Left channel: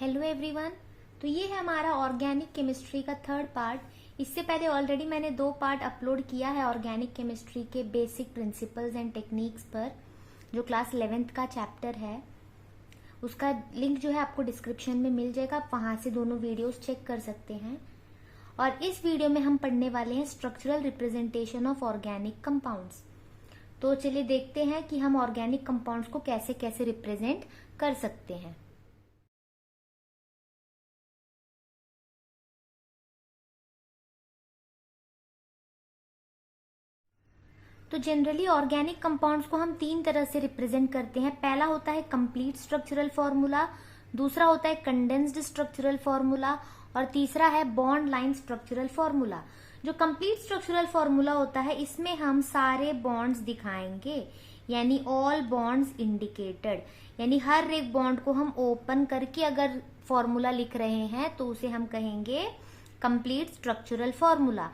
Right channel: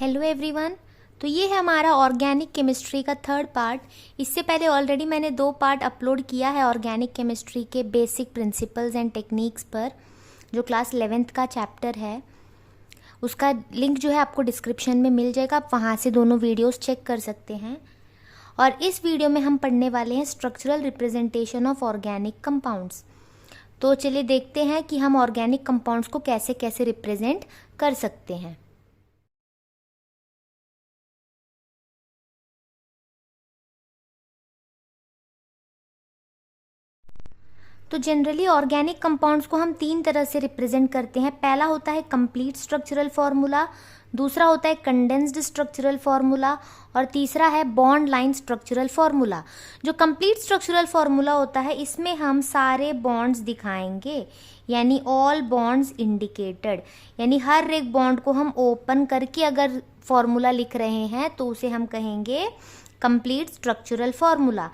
Hello everyone. तो ये है हमारा ऑर्गेनिक केमिस्ट्री का थर्ड पार्ट। इससे पहले ऑलरेडी मैंने 2 पार्ट अपलोड किया है ऑर्गेनिक केमिस्ट्री के बेसिक प्रिंसिपल्स एंड टेक्निक्स पर, जो क्लास 11th का चैप्टर है। उसका लिंक जो है आपको डिस्क्रिप्शन में मिल जाएगा, आप वहाँ से दोनों वीडियोस चेक कर सकते हैं। और इस वीडियो में हम पढ़ने वाले हैं structural representation of organic compounds. तो चलिए देखते हैं कि हम ऑर्गेनिक कंपाउंड्स को कैसे कैसे रिप्रेजेंट कर सकते हैं। तो जनरली ऑर्गेनिक कंपाउंड्स को हम 3 तरह से रिप्रेजेंट करते हैं। पहला होता है कंप्लीट स्ट्रक्चरल फॉर्मूला, दूसरा होता है कंडेंस्ड स्ट्रक्चरल फॉर्मूला और तीसरा है बॉन्ड लाइन स्ट्रक्चरल फॉर्मूला। जो कंप्लीट स्ट्रक्चरल फॉर्मूला होता है इसमें हम सारे बॉन्ड्स दिखाएंगे, यानी ऑल बॉन्ड्स इंडिकेटेड, यानी हर एक बॉन्ड को हम ओपन करके अगर फॉर्मूला लिख रहे हैं तो उसे हम कहेंगे कंप्लीट स्ट्रक्चरल फॉर्मूला।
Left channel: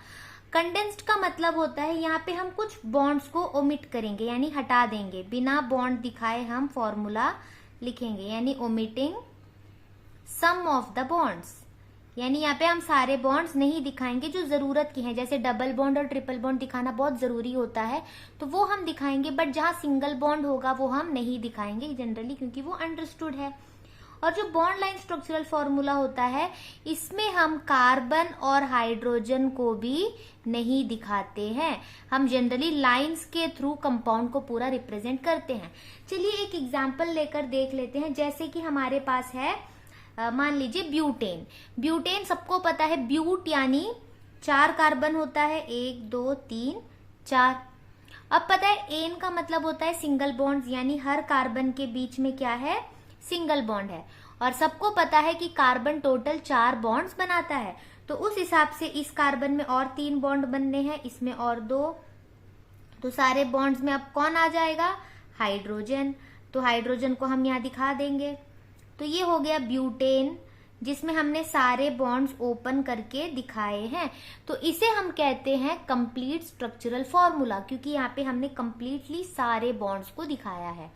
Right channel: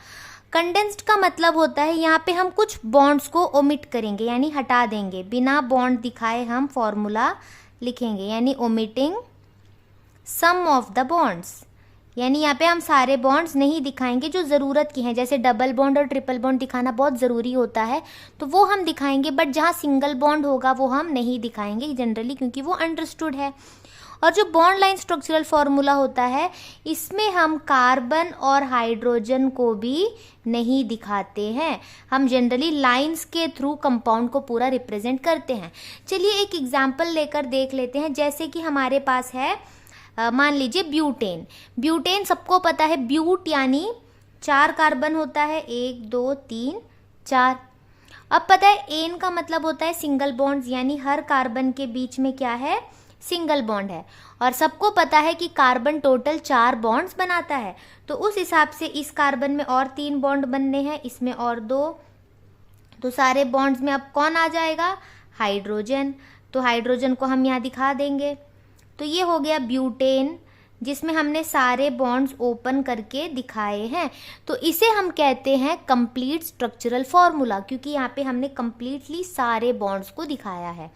कंडेंस्ड का मतलब होता है यहाँ पे हम कुछ बॉन्ड्स को ओमिट करेंगे, यानी हटा देंगे, बिना बॉन्ड दिखाए हम फॉर्मूला लिखेंगे, यानी omitting some of the bonds. यानी यहाँ पे हम सारे बॉन्ड्स नहीं दिखाएंगे जो ज़रूरत की हैं, जैसे डबल बॉन्ड और ट्रिपल बॉन्ड दिखाना बहुत ज़रूरी होता है तो वो हम दिखाएंगे, बट जहाँ सिंगल बॉन्ड होगा वो हम नहीं दिखाएंगे जनरली, क्योंकि वो अंडरस्टूड है। और जो बॉन्ड लाइन स्ट्रक्चरल फॉर्मूला होता है इसमें हम कार्बन और हाइड्रोजन को भी नहीं दिखाते हैं, हम जनरली लाइंस के थ्रू कंपाउंड को पूरा रिप्रेजेंट करते हैं। चलिए एक एग्जांपल लेकर देख लेते हैं। जैसे कि हमारे पास है मान लीजिए ब्यूटेन। ब्यूटेन सबको पता है, ब्यूट यानी 4 कार्बन होता है, 1 2 3 4। अब पता है एन का मतलब होता है सिंगल बॉन्ड्स, यानी हर कार्बन के बीच में क्या है, सिंगल बॉन्ड है। और सबको पता है कि कार्बन टोटल 4 बॉन्ड्स बनाता है, तो उस हिसाब से इस कार्बन में और 3 बॉन्ड बनने हैं, इसमें और 2, तो सारे बॉन्ड्स में अब कौन आ जाएगा, हाइड्रोजन। तो हाइड्रोजन को हम यहाँ दिखा देंगे। तो ये हो गया ब्यूटेन, जिसमें हमने सारे बॉन्ड्स ओपन करके दिखाए हैं। तो इसे हम कहते हैं कंप्लीट स्ट्रक्चरल फॉर्मूला, क्योंकि यहाँ पे हमने कंप्लीटली सारे बॉन्ड्स को दिखाया है।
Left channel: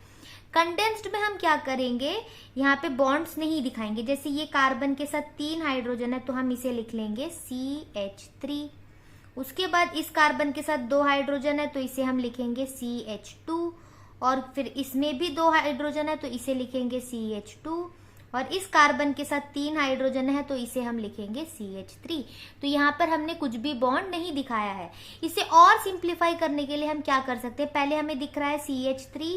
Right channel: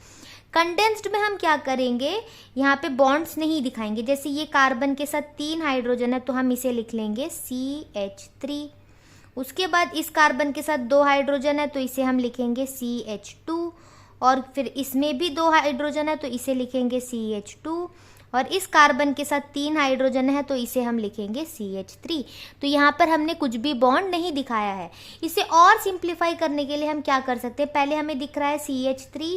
कंडेंस्ड में हम क्या करेंगे, यहाँ पे बॉन्ड्स नहीं दिखाएंगे। जैसे ये कार्बन के साथ 3 हाइड्रोजन है तो हम इसे लिख लेंगे CH3। उसके बाद इस कार्बन के साथ 2 हाइड्रोजन है तो इसे हम लिखेंगे CH2। और फिर इसमें भी 2 हाइड्रोजन है तो इसे लिखेंगे CH2। और इस कार्बन के साथ 3 हाइड्रोजन है तो इसे हम लिखेंगे CH3। तो यहाँ पर हमने कुछ भी बॉन्ड नहीं दिखाया है। इसे और सिंप्लीफाई करने के लिए हम क्या कर सकते हैं, पहले हमें दिख रहा है CH3,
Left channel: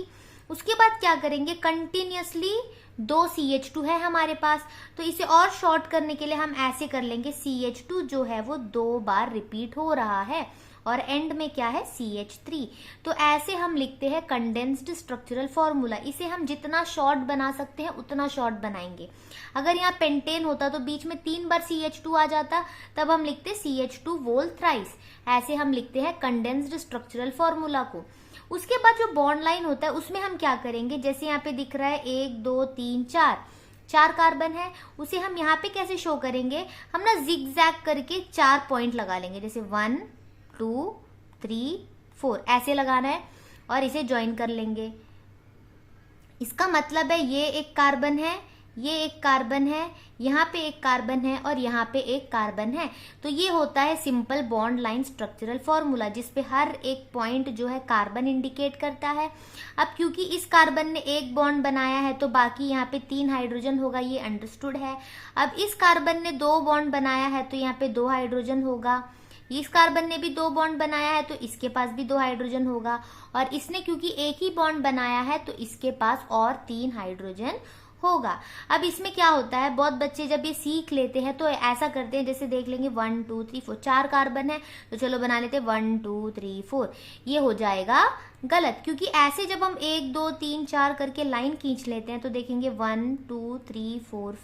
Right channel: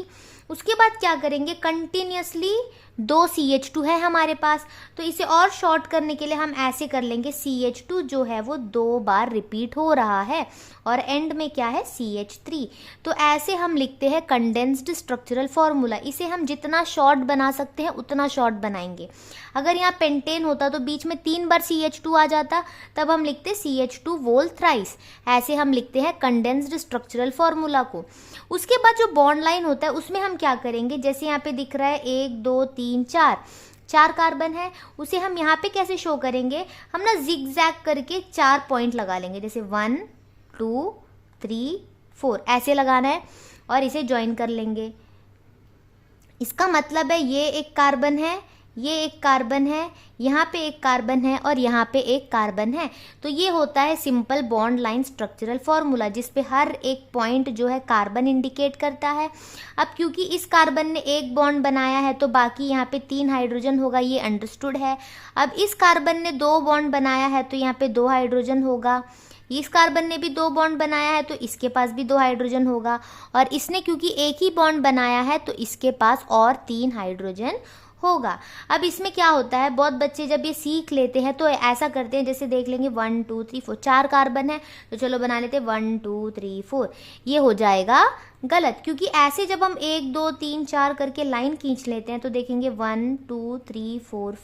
उसके बाद क्या करेंगे, कंटिन्यूसली 2 CH2 है हमारे पास, तो इसे और शॉर्ट करने के लिए हम ऐसे कर लेंगे, CH2 जो है वो 2 बार रिपीट हो रहा है और एंड में क्या है, CH3। तो ऐसे हम लिखते हैं कंडेंस्ड स्ट्रक्चरल फॉर्मूला। इसे हम जितना शॉर्ट बना सकते हैं उतना शॉर्ट बनाएंगे। अगर यहाँ पेंटेन होता तो बीच में 3 बार CH2 आ जाता, तब हम लिखते CH2 वोल थ्राइस। ऐसे हम लिखते हैं कंडेंस्ड स्ट्रक्चरल फॉर्मूला को। उसके बाद जो बॉन्ड लाइन होता है उसमें हम क्या करेंगे, जैसे यहाँ पे दिख रहा है 1 2 3 4 कार्बन है, उसे हम यहाँ पे कैसे शो करेंगे, हम ना जिग जैग करके 4 पॉइंट लगा लेंगे, जैसे 1 2 3 4 ऐसे लगाना है और इसे ज्वाइन कर लेंगे। इसका मतलब है ये एक कार्बन है, ये एक कार्बन है, यहाँ पे एक कार्बन है और यहाँ पे एक कार्बन है। तो ये होता है simple bond line structural formula, जिसपे हर एक पॉइंट जो है कार्बन इंडिकेट करता है। अब क्योंकि इस कार्बन ने एक बॉन्ड बनाया है तो बाकी यहाँ पे 3 हाइड्रोजन होगा, ये अंडरस्टूड है। अब इस कार्बन ने 2 बॉन्ड बनाया है तो यहाँ पे 2 हाइड्रोजन होगा। इस कार्बन ने भी 2 बॉन्ड बनाया है तो इसके पास भी 2 हाइड्रोजन होगा। और इसने क्योंकि एक ही बॉन्ड बनाया है तो इसके पास और 3 हाइड्रोजन होगा। अब इसमें क्या होता है, बहुत बच्चे जब ये सीख लेते हैं तो ऐसा करते हैं, जैसे देख लेंगे 1 2 3 4 4 कार्बन है तो चलो बना लेते हैं 1 2 3 4। ये हो जाएगा गलत, क्योंकि ऐसे जब हम 1 2 3 4 करके लाइन खींच लेते हैं तो देखेंगे 1 2 3 4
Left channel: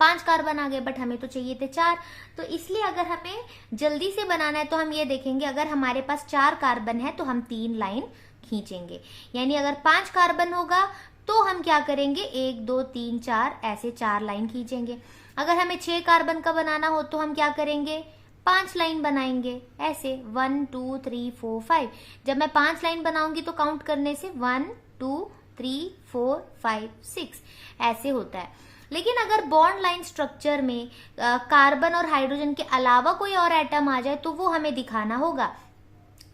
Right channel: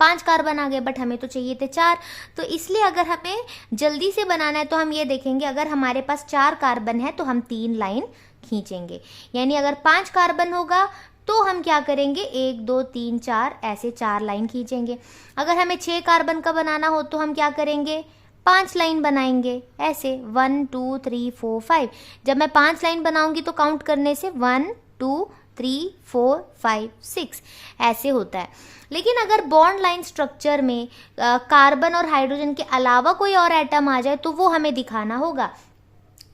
5 कार्बन आ गए, बट हमें तो चाहिए थे 4। तो इसलिए अगर हमें जल्दी से बनाना है तो हम ये देखेंगे, अगर हमारे पास 4 कार्बन है तो हम 3 लाइन खींचेंगे। यानी अगर 5 कार्बन होगा तो हम क्या करेंगे, 1 2 3 4 ऐसे 4 लाइन खींचेंगे। अगर हमें 6 कार्बन का बनाना हो तो हम क्या करेंगे, 5 लाइन बनाएंगे, ऐसे 1 2 3 4 5। जब मैं 5 लाइन बनाऊंगी तो काउंट करने से 1 2 3, 4, 5, 6 ऐसे होता है। लेकिन अगर बॉन्ड लाइन स्ट्रक्चर में कार्बन और हाइड्रोजन के अलावा कोई और एटम आ जाए तो वो हमें दिखाना होगा।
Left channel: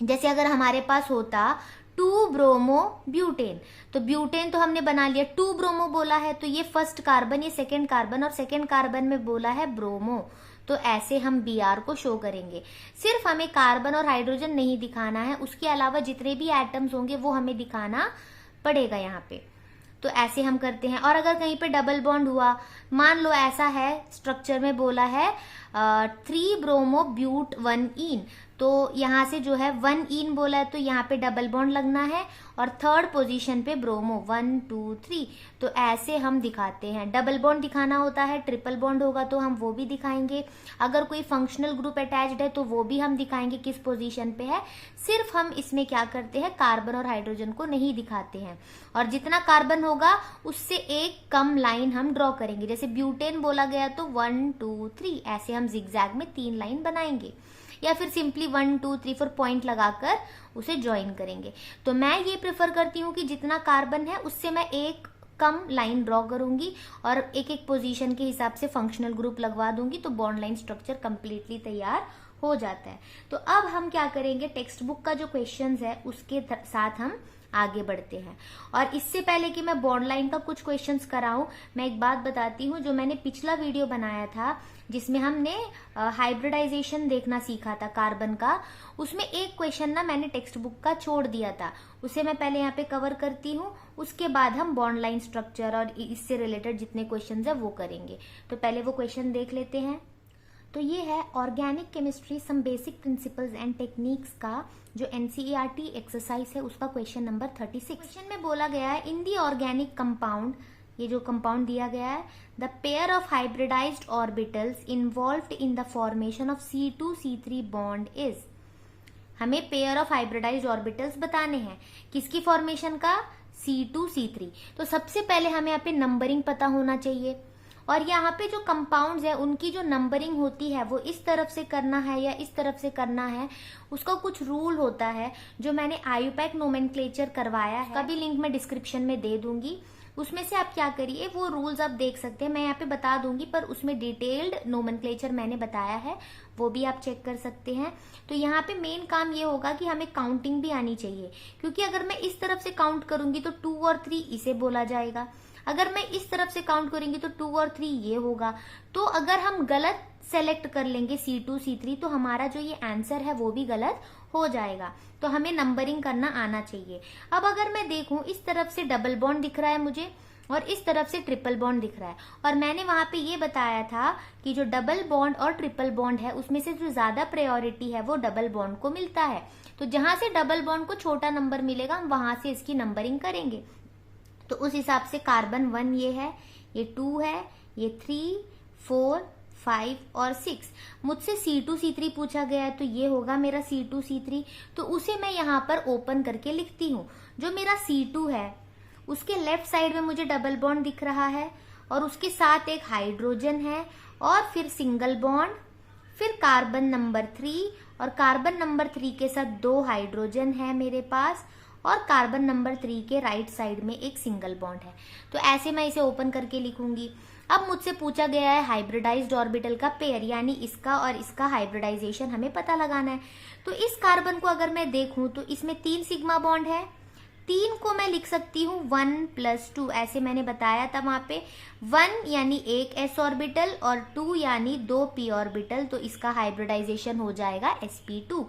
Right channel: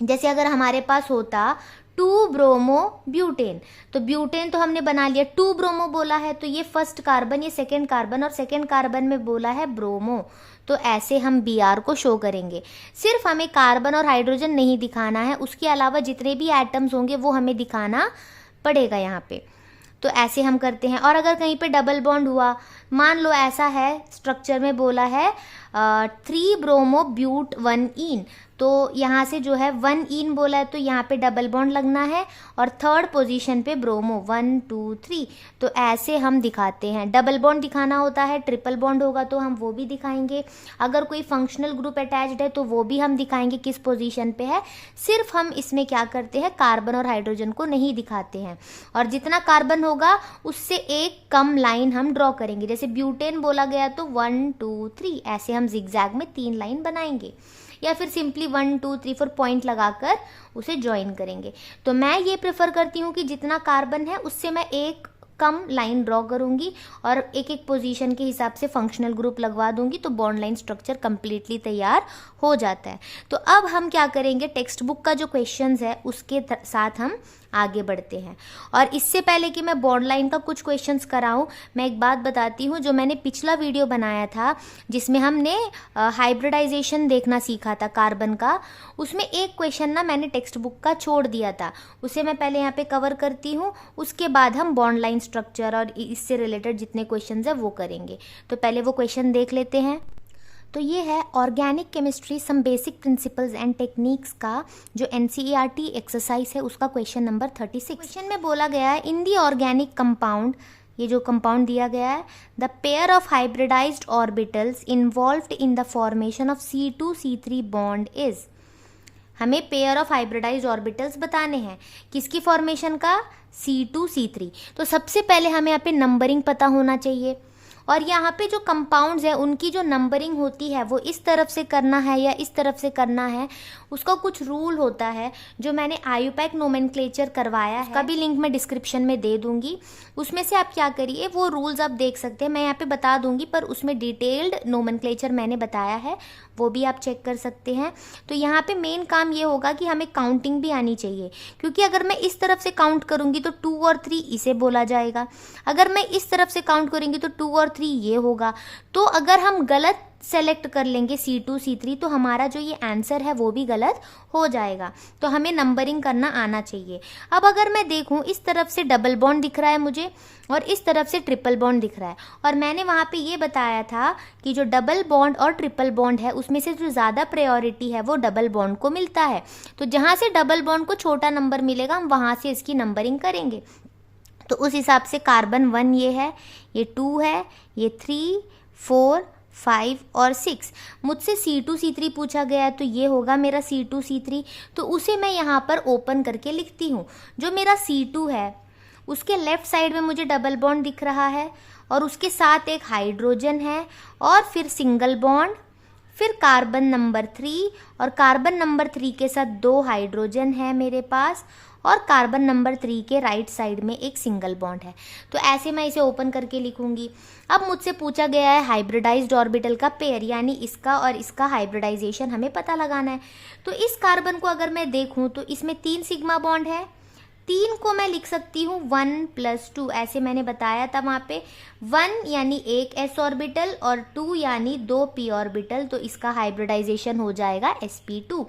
जैसे अगर हमारे पास होता 2 ब्रोमो ब्यूटेन, तो ब्यूटेन तो हमने बना लिया, 2 ब्रोमो बोला है तो ये फर्स्ट कार्बन, ये सेकेंड कार्बन, और सेकेंड कार्बन में बोला है ब्रोमो, तो ऐसे हम Br को शो करेंगे। सिर्फ हमें कार्बन और हाइड्रोजन नहीं दिखाना है, उसके अलावा जितने भी एटम्स होंगे वो हमें दिखाना पड़ेगा यहाँ पे। तो ऐसे हम करते हैं। और अगर कहीं पे डबल बॉन्ड हुआ, मान लो ऐसा है स्ट्रक्चर में बोला है 3 ब्रोमो ब्यूट 1 इन, तो यहाँ से जो है 1 इन बोला है तो यहाँ पे डबल बॉन्ड लगना है, और थर्ड पोजीशन पे ब्रोमो 1, 2, 3, तो ऐसे हम दिखाते हैं। डबल बॉन्ड दिखाना होता है, ट्रिपल बॉन्ड होगा तो हम वो भी दिखाएंगे, अगर कोई फंक्शनल ग्रुप अटैच्ड है तो वो भी हम दिखाएंगे किस पोजीशन पे है। सिर्फ हम इसमें क्या करते हैं, कार्बन और हाइड्रोजन को नहीं दिखाते हैं, और जितना कार्बन होगा उससे एक कम लाइन हम ड्रॉ करेंगे। जैसे ब्यूटेन बोला गया तो 1, 2, 3 ऐसे हम जिगजैग में 3 लाइन बनाएंगे, या फिर सिंपली 1, 2, 3, 4 पॉइंट लगाकर उसे ज्वाइन करेंगे। तो मैं ये प्रेफर करती हूँ कि जितना कार्बन है उससे मैं एक कम लाइन ड्रॉ करूंगी और एक एक पोजीशन के हिसाब से फंक्शनल ग्रुप लगवा दूंगी, तो बॉन्ड लाइन स्ट्रक्चर कंप्लीटली तैयार हो जाता है। तो अब हम क्या करेंगे, टेक्स्ट बुक का जो क्वेश्चंस है उसके साथ हम आगे बढ़ते हैं। और इससे पहले कि मैं बॉन्ड लाइन का कुछ क्वेश्चंस कराऊं, मैं एक बात बताती हूँ। जो मैंने पिछला वीडियो बनाया था जिसमें हमने हाइब्रिडाइजेशन देखना सीखा था कार्बन का, उसमें एक क्वेश्चन ना मैंने टेक्स्ट बुक का छोड़ दिया था, उसे मैं पहले यहाँ पे कवर करती हूँ, उसके बाद हम बॉन्ड लाइन स्ट्रक्चर और इससे रिलेटेड जितने क्वेश्चंस है वो करेंगे। तो पहले वो क्वेश्चन देख लेते हैं। तो ये है organic chemistry some basic principles and techniques का जो NCERT एक्सरसाइज है उसका क्वेश्चन नंबर 36। क्वेश्चन में बोला गया है इन दी ऑर्गेनिक कंपाउंड, ये जो कंपाउंड दिया गया है, the pair of hybridised orbitals involved in the formation of C2C3 bond is. हमें पेयर ऑफ हाइब्रिडाइज्ड ऑर्बिटल्स बताने हैं, किसकी फॉर्मेशन का, C2C3। तो सबसे पहले हमें यहाँ पे नंबरिंग पता होना चाहिए, और यहाँ पे जो कंपाउंड्स है उनकी जो नंबरिंग होती है वो इस तरफ से करना है या इस तरफ से करना है, उसका कुछ रूल होता है जो मैंने IUPAC नोमेनक्लेचर करवाया है, उसका भी लिंक मैं डिस्क्रिप्शन में दे दूंगी। उसमें से आप क्या करिए, वो रूल्स आप देख सकते हैं, मैं यहाँ पे बता दूंगी, पर उसमें डिटेल्ड नोमेनक्लेचर मैंने बताया है, वो भी आप चेक कर सकते हैं। तो यहाँ पे मेन काम ये होगा कि हमें काउंटिंग भी आनी चाहिए, क्योंकि अगर मैं इस तरफ से काउंट करूंगी तो 2 और 3 इसे बोला जाएगा, अगर मैं इस तरफ से काउंट करूंगी तो 2 और 3 ये होगा। तो अगर हम गलत सेलेक्ट कर लेंगे C2C3 तो हमारा जो ये आंसर है वो भी गलत हो जाएगा। तो हमें नंबरिंग करना आना चाहिए। अब अगर मैं देखूं, इस तरफ से डबल बॉन्ड दिख रहा है मुझे और इस तरफ से ट्रिपल बॉन्ड दिख रहा है, और मैंने वहां पे ये बताया था कि जो डबल बॉन्ड और ट्रिपल बॉन्ड है उसमें से जो ज़्यादा प्रायोरिटी है वो डबल बॉन्ड को मिलता है। तो जहाँ से डबल बॉन्ड को छोटा नंबर मिलेगा हम वहाँ से इसकी नंबरिंग करेंगे। तो उस हिसाब से कार्बन 1 ये है, ये 2 है, ये 3, 4, 5 और 6। मुझसे C2C3 पूछा गया है तो ये होगा मेरा C2C3, तो उसे मैं यहाँ पर ओपन करके लिखती हूँ। जो मेरा C2 है उसके लेफ्ट साइड में मुझे डबल बॉन्ड दिख रहा है और उसके साथ एक हाइड्रोजन है और फिर सिंगल बॉन्ड, फिर कार्बन नंबर 3 और कार्बन नंबर 3 के साथ 2 हाइड्रोजन है मेरे पास, और कार्बन नंबर 3 के राइट साइड में एक सिंगल बॉन्ड है। तो ऐसे मैं इसे ओपन करके लिखूंगी। अब मुझसे पूछा गया है हाइब्रिडाइज्ड ऑर्बिटल का पेयर, यानी इसका और इसका हाइब्रिडाइजेशन हमें पता लगाना है। तो इस कार्बन को अगर मैं देखूं तो इसमें 3 सिग्मा बॉन्ड है, 3 को मैं लिख सकती हूँ 1 + 2, ऐसे मैंने बताया था वहाँ पे। 1 यानी एक s ऑर्बिटल और 2 यानी 2 p ऑर्बिटल, तो इसका हाइब्रिडाइजेशन हो जाएगा sp2।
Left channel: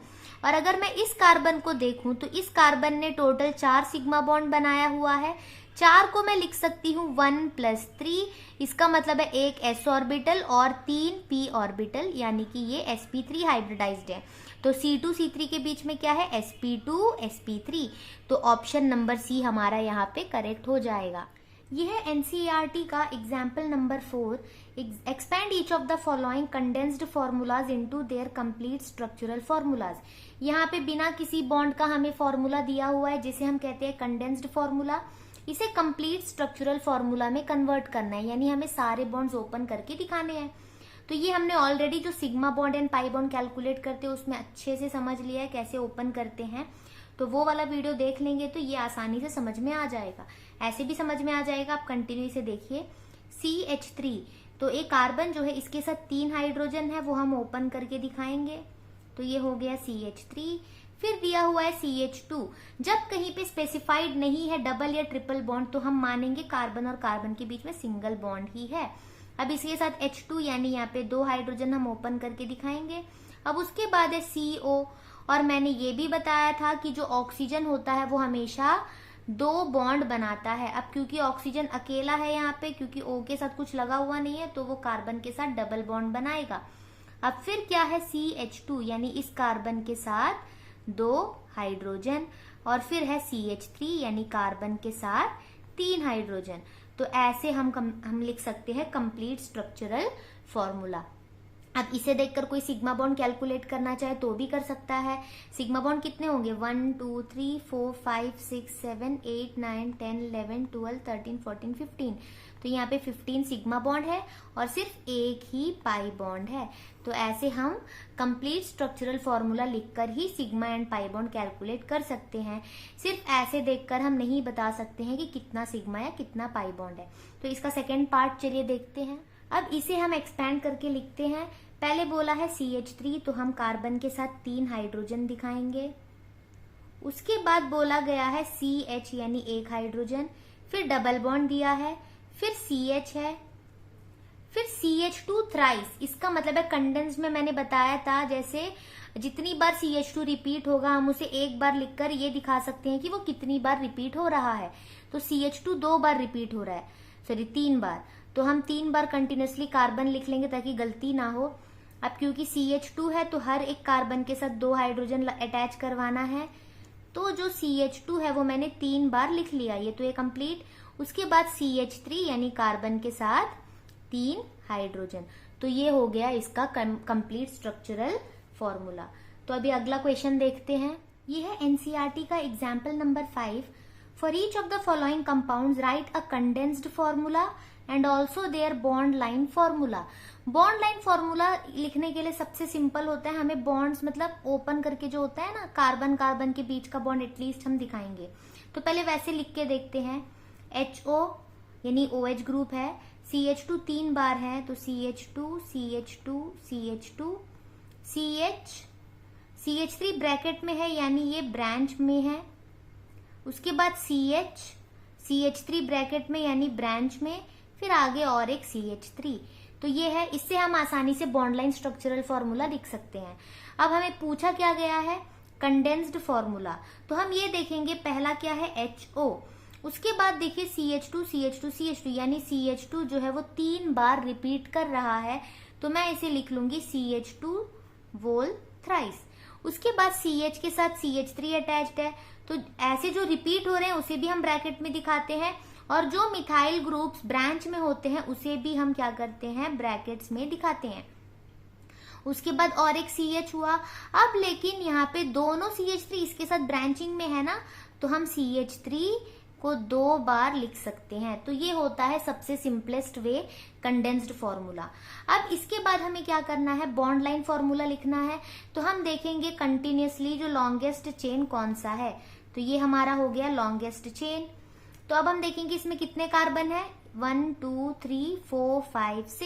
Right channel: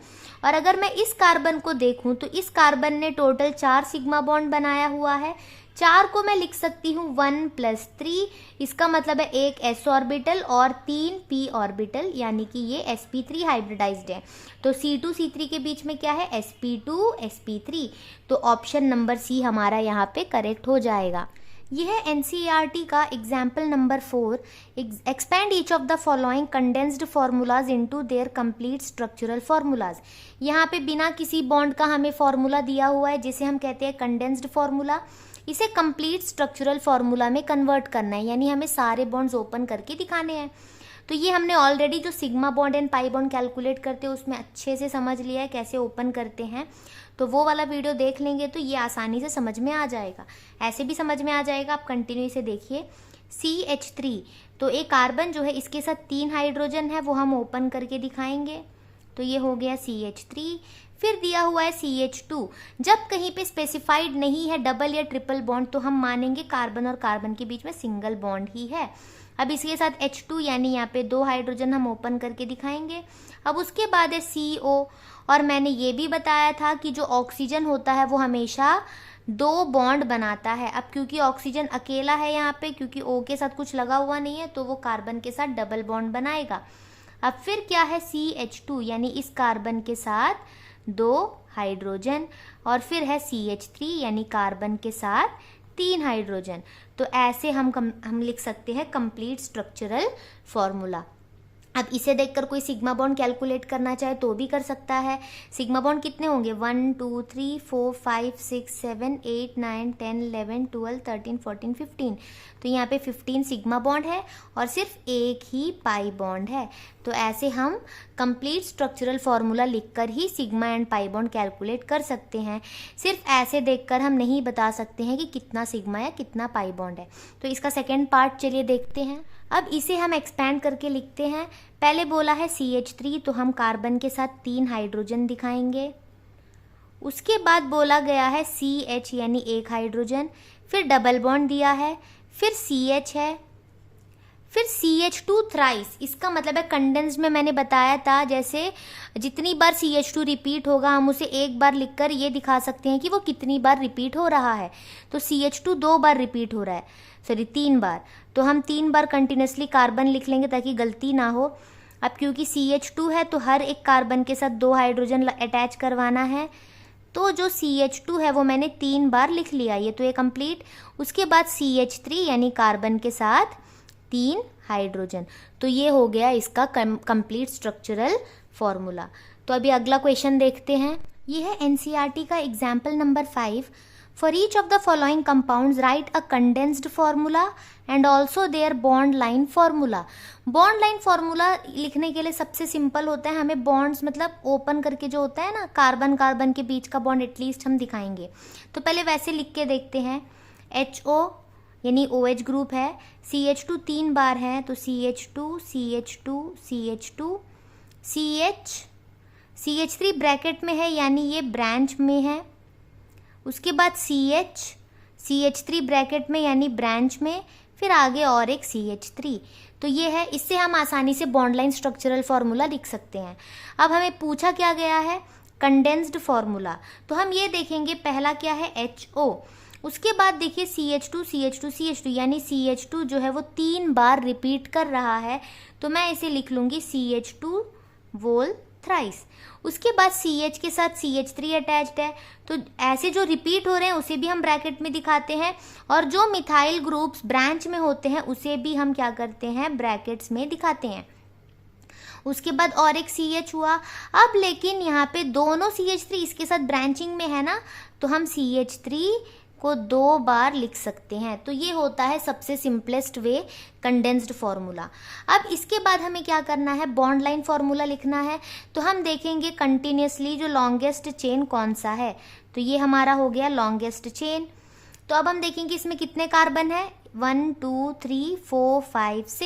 और अगर मैं इस कार्बन को देखूं तो इस कार्बन ने टोटल 4 सिग्मा बॉन्ड बनाया हुआ है। 4 को मैं लिख सकती हूँ 1 + 3, इसका मतलब है एक s ऑर्बिटल और 3 p ऑर्बिटल, यानी कि ये sp3 हाइब्रिडाइज्ड है। तो C2C3 के बीच में क्या है, sp2 sp3, तो ऑप्शन नंबर C हमारा यहाँ पे करेक्ट हो जाएगा। यह है NCERT का example number 4, expand each of the following condensed formulas into their complete structural formulas. यहाँ पे बिना किसी बॉन्ड का हमें फॉर्मूला दिया हुआ है जिसे हम कहते हैं कंडेंस्ड फार्मूला। इसे कंप्लीट स्ट्रक्चरल फार्मूला में कन्वर्ट करना है, यानी हमें सारे बॉन्ड्स ओपन करके दिखाने हैं। तो ये हमने ऑलरेडी जो sigma bond and pi bond calculate करते हैं उसमें अच्छे से समझ लिया है कैसे ओपन करते हैं। तो वो वाला वीडियो देख लेंगे तो ये आसानी से समझ में आ जाएगा। ऐसे भी समझ में आ जाएगा, आप कंटिन्यू इसे देखिए। CH3, तो एक कार्बन जो है इसके साथ 3 हाइड्रोजन है, वो हम ओपन करके दिखाएंगे। तो ये हो गया CH3। फिर दिया हुआ है CH2। जब कहीं पे स्पेसिफाइड नहीं है डबल या ट्रिपल बॉन्ड तो हम मानेंगे कार्बन और कार्बन के बीच में सिंगल बॉन्ड ही है। अब इसके साथ H2 यानी यहाँ पे 2 हाइड्रोजन हम ओपन करके दिखाएंगे। अब उसके बाद है CO, और मैंने ये भी बताया था कि जो ऑक्सीजन होता है वो हमेशा 2 बॉन्ड बनाता है। अब क्योंकि ऑक्सीजन अकेला है यहाँ पे, क्योंकि O के साथ कुछ लगा हुआ नहीं है, तो वो कार्बन के साथ डबल बॉन्ड बनाएगा। अब फिर क्या है CH2 यानी इस कार्बन के साथ 2 हाइड्रोजन, और फिर है CH3 यानी कार्बन के साथ 3 हाइड्रोजन। तो ऐसे हम लिख सकते हैं कंप्लीट स्ट्रक्चरल फॉर्मूला। अब इसे देखकर कोई सिग्मा बॉन्ड कैलकुलेट करना चाहे तो भी कर सकता है। सिग्मा बॉन्ड कितने होंगे? 1 2 3 4 5 6 7 8 9 10 11 12 13 14 15। तो यहाँ पे 15 सिग्मा बॉन्ड है और सिर्फ एक ही पाई बॉन्ड है। तो ऐसे हम कंप्लीट स्ट्रक्चरल फॉर्मूला लिखकर ही sigma and pi bond calculate कर सकते हैं। सिर्फ ऐसे देखकर हम नहीं बता सकते हैं कि कितना सिग्मा या कितना पाई बॉन्ड है। तो इसका सेकेंड पार्ट चलिए देखते हैं। अब इसे हम एक्सपैंड करके लिखते हैं। पहले बोला है CH3, तो हम कार्बन के साथ 3 हाइड्रोजन दिखाएंगे। उसके बाद बोला गया है CH यानी 1 हाइड्रोजन, फिर डबल बॉन्ड दिया है, फिर CH है, फिर CH2 थ्राइस। इसका मतलब है कंडेंस्ड में मैंने बताया था, जैसे जितनी बार CH2 रिपीट होगा हम उसे एक बार लिखकर ये दिखा सकते हैं कि वो कितनी बार रिपीट हो रहा है। तो CH2 2 बार रिपीट हो रहा है, सॉरी 3 बार, तो हम 3 बार कंटिन्यूसली कार्बन लिख लेंगे ताकि गलती ना हो। अब क्योंकि CH2 है तो हर एक कार्बन के साथ 2 हाइड्रोजन अटैच करवाना है, तो जो CH2 है वो मैंने 3 बार लिख लिया, ये तो ये कंप्लीट। उसके बाद CH3 यानी कार्बन के साथ 3 हाइड्रोजन। तो ये हो गया इसका कंप्लीट स्ट्रक्चरल फॉर्मूला। तो अभी अगला क्वेश्चन देखते हैं। ये है NCERT का example number 5। For each of the following compounds, write a condensed formula and also their bond line formula. Bond line formula लिखने के लिए सबसे सिंपल होता है, हमें बॉन्ड्स मतलब ओपन करके जो होता है ना कार्बन कार्बन के बीच का बॉन्ड एटलीस्ट हम दिखाएंगे। तो पहले वैसे लिख के देखते हैं। HO यानी OH ग्रुप है, CH2 3 बार है तो CH2 CH2 CH2 CH, CH3 bracket में है यानी ये ब्रांच में है। उसके बाद CH, CH3 ब्रैकेट में यानी ब्रांच में, फिर आगे और एक CH3। तो ये है, इससे हम आसानी से बॉन्ड लाइन स्ट्रक्चरल फॉर्मूला लिख सकते हैं। अब हमें पूछा क्या गया है? Condensed formula. तो हम ये देखेंगे, पहला क्या है? HO। उसके बाद देखिए CH2 CH2 CH2 यानी CH2 जो है वो 3 बार रिपीट कर रहा है, तो मैं इसे लिख लूंगी CH2 वोल थ्राइस। उसके बाद CH के साथ CH3 अटैच्ड है, तो ऐसे जो रिपीट हो रहे हैं उसे भी हम ब्रैकेट में दिखाते हैं, और जो मिथाइल ग्रुप्स ब्रांच में होते हैं उसे भी हम क्या करते हैं? ब्रैकेट्स में दिखाते हैं। उसके बाद और एक CH हुआ। अब लेकिन यहाँ पे दोनों CH3 इसके साथ ब्रांचिंग में है ना, तो हम CH3 को 2 बार लिख सकते हैं। तो ये होता है सबसे सिंपलेस्ट वे कंडेंस्ड फॉर्मूला। अब इसके बाद हमें क्या करना है? बॉन्ड लाइन फॉर्मूला लिखना है। तो हम देखेंगे कंटिन्यूसली जो लॉन्गेस्ट चेन कौन सा है, तो ये हमारा हो गया लॉन्गेस्ट चेन। तो अब हम देखेंगे इसमें कितने कार्बन है? 1 2 3 4 5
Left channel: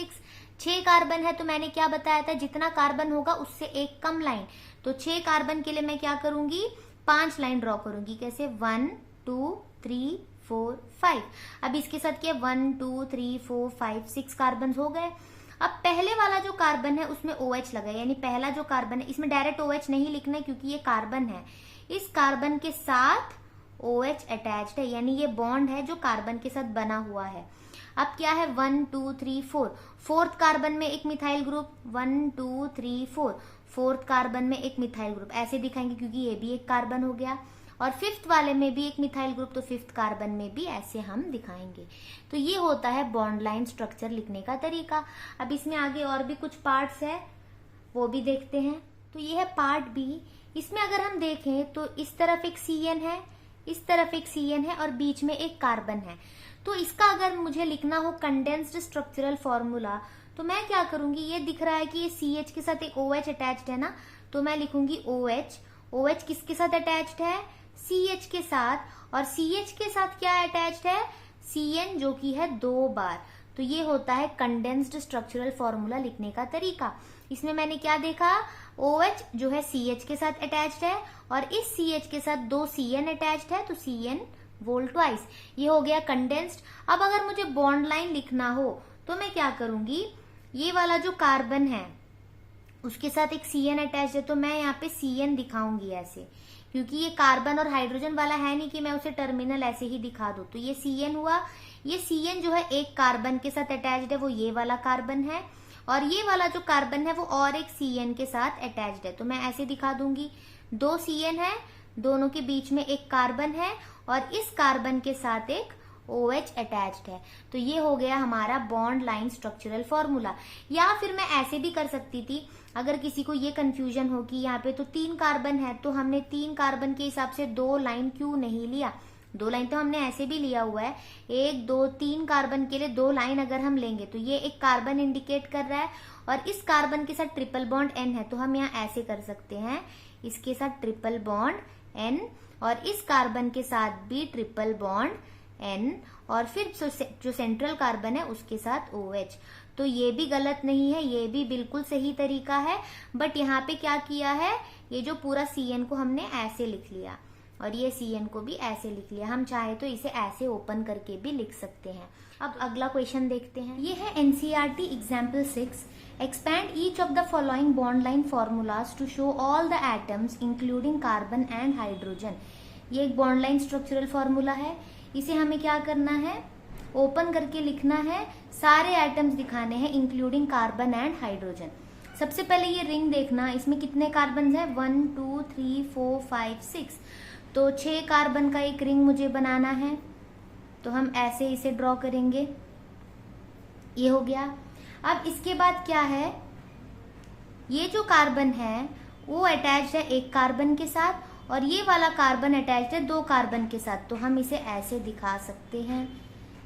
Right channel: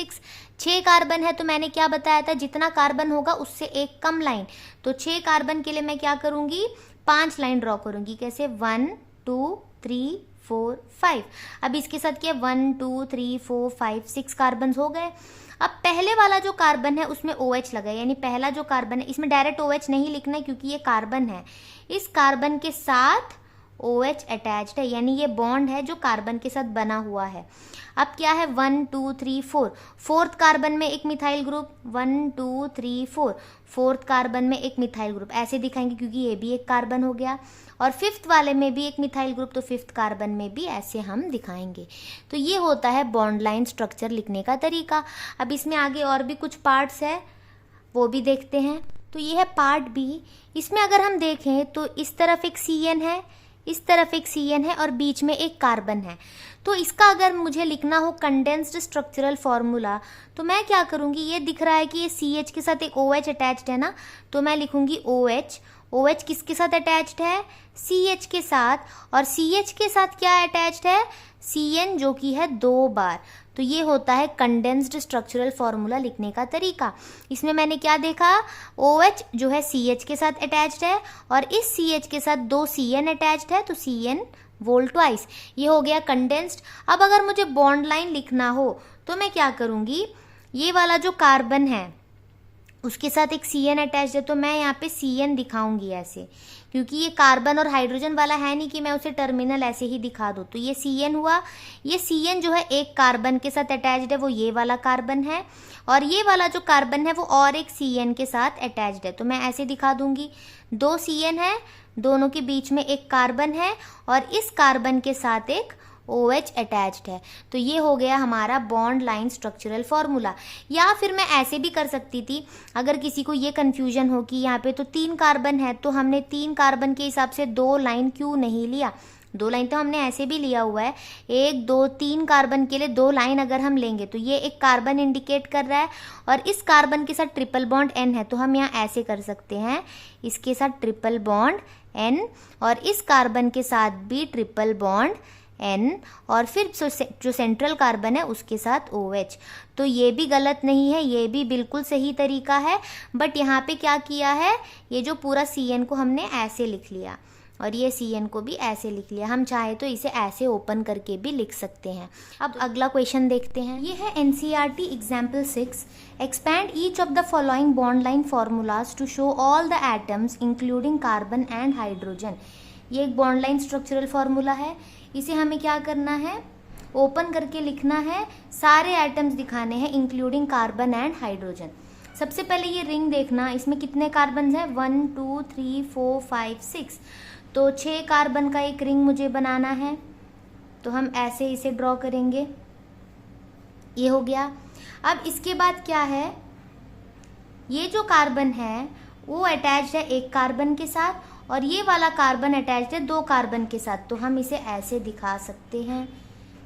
6 कार्बन है। तो मैंने क्या बताया था? जितना कार्बन होगा उससे एक कम लाइन। तो 6 कार्बन के लिए मैं क्या करूंगी? 5 लाइन ड्रॉ करूंगी। कैसे? 1 2 3 4 5। अब इसके साथ क्या? 1 2 3 4 5 6 कार्बन हो गए। अब पहले वाला जो कार्बन है उसमें OH लगा है, यानी पहला जो कार्बन है इसमें डायरेक्ट OH नहीं लिखना है क्योंकि ये कार्बन है। इस कार्बन के साथ OH अटैच्ड है, यानी ये बॉन्ड है जो कार्बन के साथ बना हुआ है। अब क्या है? 1 2 3 4, फोर्थ कार्बन में एक मिथाइल ग्रुप, 1 2 3 4, फोर्थ कार्बन में एक मिथाइल ग्रुप, ऐसे दिखाएंगे क्योंकि ये भी एक कार्बन हो गया। और फिफ्थ वाले में भी एक मिथाइल ग्रुप, तो फिफ्थ कार्बन में भी ऐसे हम दिखाएंगे। तो ये होता है बॉन्ड लाइन स्ट्रक्चर लिखने का तरीका। अब इसमें आगे और भी कुछ पार्ट्स है, वो भी देखते हैं। तो ये है पार्ट बी। इसमें अगर हम देखें तो इस तरफ एक CN है, इस तरफ एक CN है और बीच में एक कार्बन है। तो इसका अगर मुझे लिखना हो कंडेंस्ड स्ट्रक्चरल फॉर्मूला, तो मैं क्या करूंगी? ये दिख रहा है कि ये CH के साथ एक OH अटैच्ड है ना, तो मैं लिखूंगी OH। OH किसके साथ अटैच्ड है? CH के साथ। और CH के साथ क्या अटैच्ड है? CN, जो कि है 2 बार। तो ये होता है कंडेंस्ड स्ट्रक्चरल फॉर्मूला लिखने का तरीका। इसमें मैंने क्या देखा? OH जो है CH के साथ अटैच्ड है और इस CH के साथ 2 CN अटैच्ड है, तो CN वोल्ट ट्वाइस। ये हो गया कंडेंस्ड। अब अगर मुझे बॉन्ड लाइन लिखना हो तो मैं क्या करूंगी? ये वाला जो कार्बन है उसके साथ एक CN अटैच्ड है, तो मैं यहाँ पे CN दिखाऊंगी ऐसे, क्योंकि ये कार्बन और हाइड्रोजन वाला है नहीं कि मैं उसे टर्मिनल ऐसे ही दिखा दूँ। तो ये CN हुआ। ये CN जो है एक कार्बन के साथ अटैच्ड है, वो ये वाला कार्बन है, और ये वाला जो कार्बन है वो और एक CN के साथ अटैच्ड है। तो मैं ऐसे दिखा दूंगी, 2 CN है, दोनों के बीच में एक कार्बन है और इस कार्बन के साथ एक OH अटैच्ड है। तो ये हो गया हमारा बॉन्ड लाइन स्ट्रक्चरल फॉर्मूला। या फिर मैं ऐसे भी कर सकती थी, अगर किसी को ये कंफ्यूजन हो कि यहाँ पे तो 3 कार्बन है, तो हमने 3 कार्बन के हिसाब से 2 लाइन क्यों नहीं लिया? 2 लाइन तो हमने ऐसे भी लिया हुआ है। 1 2 3 कार्बन के लिए 2 लाइन अगर हम लेंगे तो ये एक कार्बन इंडिकेट कर रहा है और इस कार्बन के साथ ट्रिपल बॉन्ड N है, तो हम यहाँ ऐसे कर सकते हैं, इसके साथ ट्रिपल बॉन्ड N और इस कार्बन के साथ भी ट्रिपल बॉन्ड N और फिर जो सेंट्रल कार्बन है उसके साथ OH। तो ये भी गलत नहीं है, ये भी बिल्कुल सही तरीका है। बट यहाँ पे क्या किया है, ये जो पूरा CN को हमने ऐसे लिख लिया और ये CN को भी ऐसे लिख लिया। हम चाहे तो इसे ऐसे ओपन करके भी लिख सकते हैं। अब अगला क्वेश्चन देखते हैं। ये है NCERT example 6। Expand each of the following bond line formulas to show all the atoms including carbon and hydrogen. ये एक बॉन्ड लाइन स्ट्रक्चरल फॉर्मूला है। इसे हमें क्या करना है? ओपन करके लिखना है, सारे एटम्स दिखाने हैं इंक्लूडिंग कार्बन एंड हाइड्रोजन। सबसे पहले ये रिंग देखना, इसमें कितने कार्बन हैं? 1 2 3 4 5 6। तो 6 कार्बन का एक रिंग मुझे बनाना है, तो हम ऐसे इसे ड्रॉ करेंगे। ये हो गया। अब इसके बाद क्या है, ये जो कार्बन है वो अटैच्ड है एक कार्बन के साथ और ये वाला कार्बन अटैच्ड है 2 कार्बन के साथ, तो हम इसे ऐसे दिखा सकते हैं।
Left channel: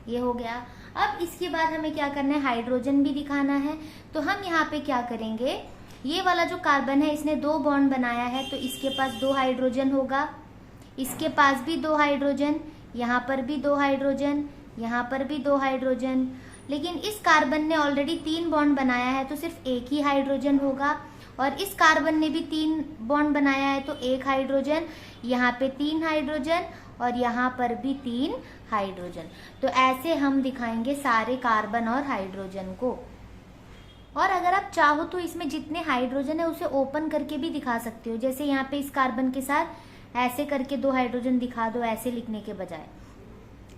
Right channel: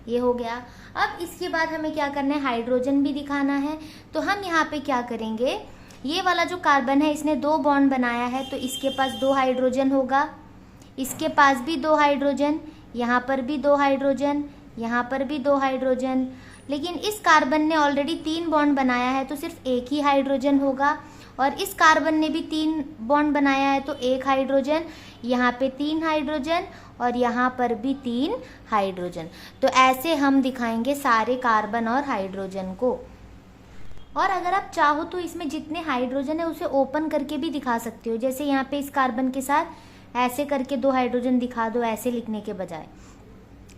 ये हो गया। अब इसके बाद हमें क्या करना है? हाइड्रोजन भी दिखाना है। तो हम यहाँ पे क्या करेंगे, ये वाला जो कार्बन है इसने 2 बॉन्ड बनाया है, तो इसके पास 2 हाइड्रोजन होगा, इसके पास भी 2 हाइड्रोजन, यहाँ पर भी 2 हाइड्रोजन, यहाँ पर भी 2 हाइड्रोजन। लेकिन इस कार्बन ने ऑलरेडी 3 बॉन्ड बनाया है, तो सिर्फ एक ही हाइड्रोजन होगा। और इस कार्बन ने भी 3 बॉन्ड बनाया है, तो 1 हाइड्रोजन, यहाँ पे 3 हाइड्रोजन और यहाँ पर भी 3 हाइड्रोजन। तो ऐसे हम दिखाएंगे सारे कार्बन और हाइड्रोजन को। और अगर आप चाहो तो इसमें जितने हाइड्रोजन है उसे ओपन करके भी दिखा सकते हो। जैसे यहाँ पे इस कार्बन के साथ ऐसे करके 2 हाइड्रोजन दिखा दो, ऐसे लिखने के बजाय।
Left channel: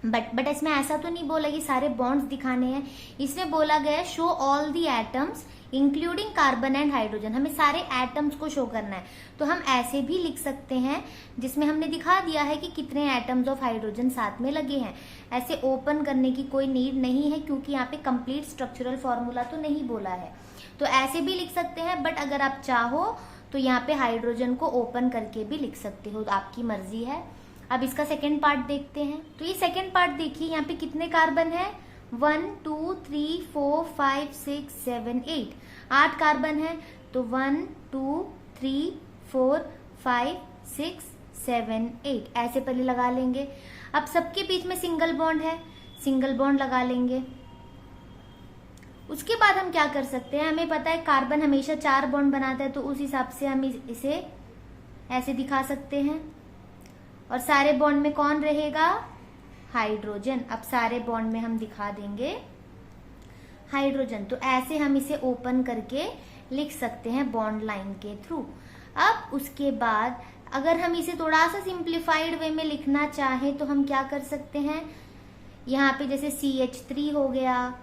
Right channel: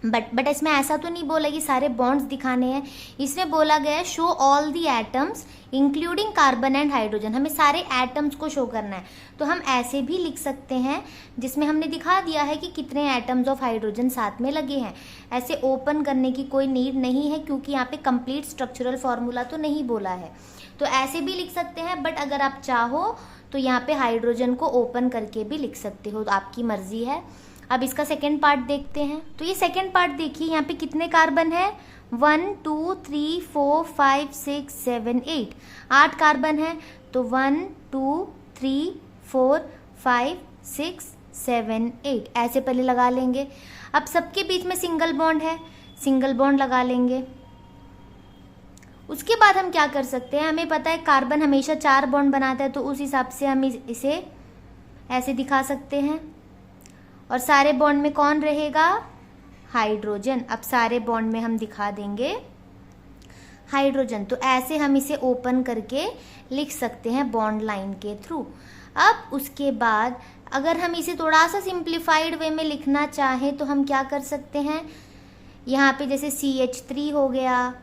बट इसमें ऐसा तो नहीं बोला कि सारे बॉन्ड्स दिखाने हैं। इसमें बोला गया है show all the atoms including carbon and hydrogen. हमें सारे एटम्स को शो करना है, तो हम ऐसे भी लिख सकते हैं, जिसमें हमने दिखा दिया है कि कितने एटम्स ऑफ हाइड्रोजन साथ में लगे हैं। ऐसे ओपन करने की कोई नीड नहीं है, क्योंकि यहाँ पे कंप्लीट स्ट्रक्चरल फॉर्मूला तो नहीं बोला है। तो ऐसे भी लिख सकते हैं, बट अगर आप चाहो तो यहाँ पे हाइड्रोजन को ओपन करके भी लिख सकते हो, तो आपकी मर्जी है। अब इसका सेकेंड पार्ट देखते हैं। तो ये सेकेंड पार्ट देखिए, यहाँ पे कितने कार्बन है? 1 2 3 4 5 6 7 8। 8 कार्बन है, तो 1 2 3 4 5 6 7 8 ऐसे पहले लगा लेंगे। अब सबके बीच में सिंगल बॉन्ड है, सिंगल बॉन्ड लगा लेंगे। उसके बाद हम क्या कर सकते हैं, हमें पता है कार्बन हमेशा 4 बॉन्ड बनाता है, तो उस हिसाब से हम इसे ऐसे दिखा सकते हैं। और सारे बॉन्ड में कौन रहेगा? हाइड्रोजन। अब सारे बॉन्ड में हम दिखा देंगे हाइड्रोजन। तो ऐसे हम इसे ओपन करके लिख सकते हैं बॉन्ड लाइन के थ्रू। अब उसके बाद अगर हम इसे थोड़ा सा सिंप्लीफाइड वे में लिखना चाहें तो हम क्या कर सकते हैं, यहाँ पे जैसे CH3 हो गया,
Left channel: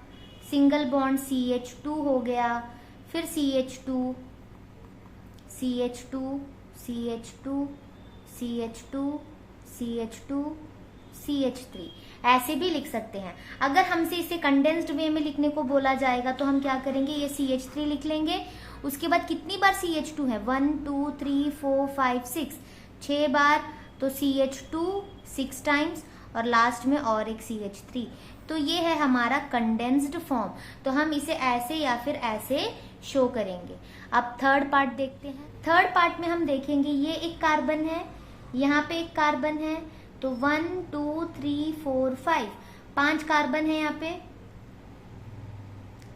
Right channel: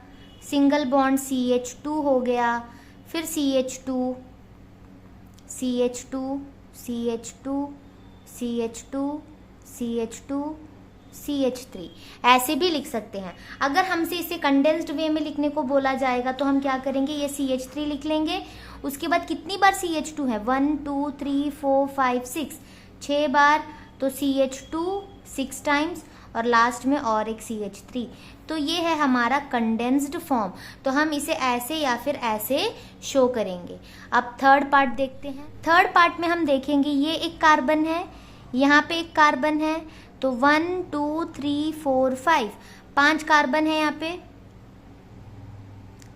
सिंगल बॉन्ड CH2 हो गया, फिर CH2 CH2 CH2 CH2 CH2 CH3 ऐसे भी लिख सकते हैं। अगर हमसे इसे कंडेंस्ड वे में लिखने को बोला जाएगा तो हम क्या करेंगे, ये CH3 लिख लेंगे। उसके बाद कितनी बार CH2 है? 1 2 3 4 5 6 बार, तो CH2 6 टाइम्स और लास्ट में और एक CH3। तो ये है हमारा कंडेंस्ड फॉर्म। तो हम इसे ऐसे या फिर ऐसे शो करेंगे। अब थर्ड पार्ट देखते हैं। थर्ड पार्ट में हम देखेंगे ये एक कार्बन है, यहाँ पे एक कार्बन है, तो 1 2 3 4 5 5 कार्बन है। यहाँ पे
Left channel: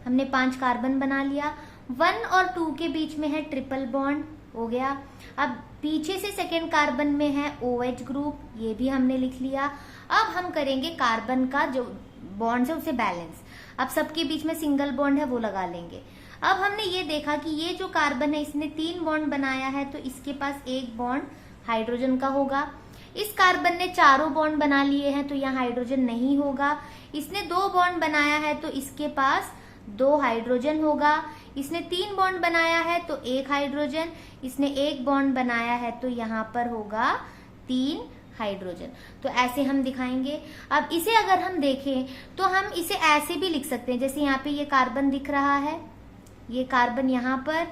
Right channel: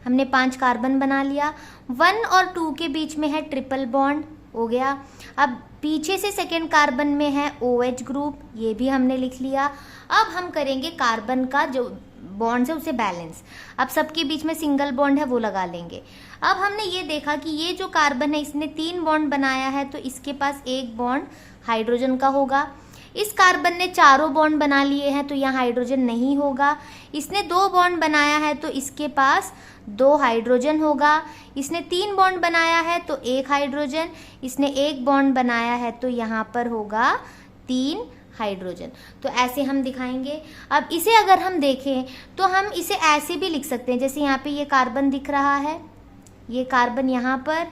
हमने 5 कार्बन बना लिया। 1 और 2 के बीच में है ट्रिपल बॉन्ड, हो गया। अब पीछे से सेकेंड कार्बन में है OH ग्रुप, ये भी हमने लिख लिया। अब हम करेंगे कार्बन का जो बॉन्ड है उसे बैलेंस। अब सबके बीच में सिंगल बॉन्ड है वो लगा लेंगे। अब हमने ये देखा कि ये जो कार्बन है इसने 3 बॉन्ड बनाया है, तो इसके पास एक बॉन्ड हाइड्रोजन का होगा। इस कार्बन ने चारों बॉन्ड बना लिए हैं, तो यहाँ हाइड्रोजन नहीं होगा। इसने 2 बॉन्ड बनाया है, तो इसके पास 2 हाइड्रोजन होगा। इसने 3 बॉन्ड बनाया है तो 1 हाइड्रोजन। इसने 1 बॉन्ड बनाया है तो यहाँ पर होगा 3 हाइड्रोजन। तो ऐसे हम दिखाएंगे। अब इसे अगर हम देखें तो हम इसे ऐसे भी लिख सकते हैं, जैसे यहाँ पे ये कार्बन दिख रहा है, ये कार्बन यहाँ पर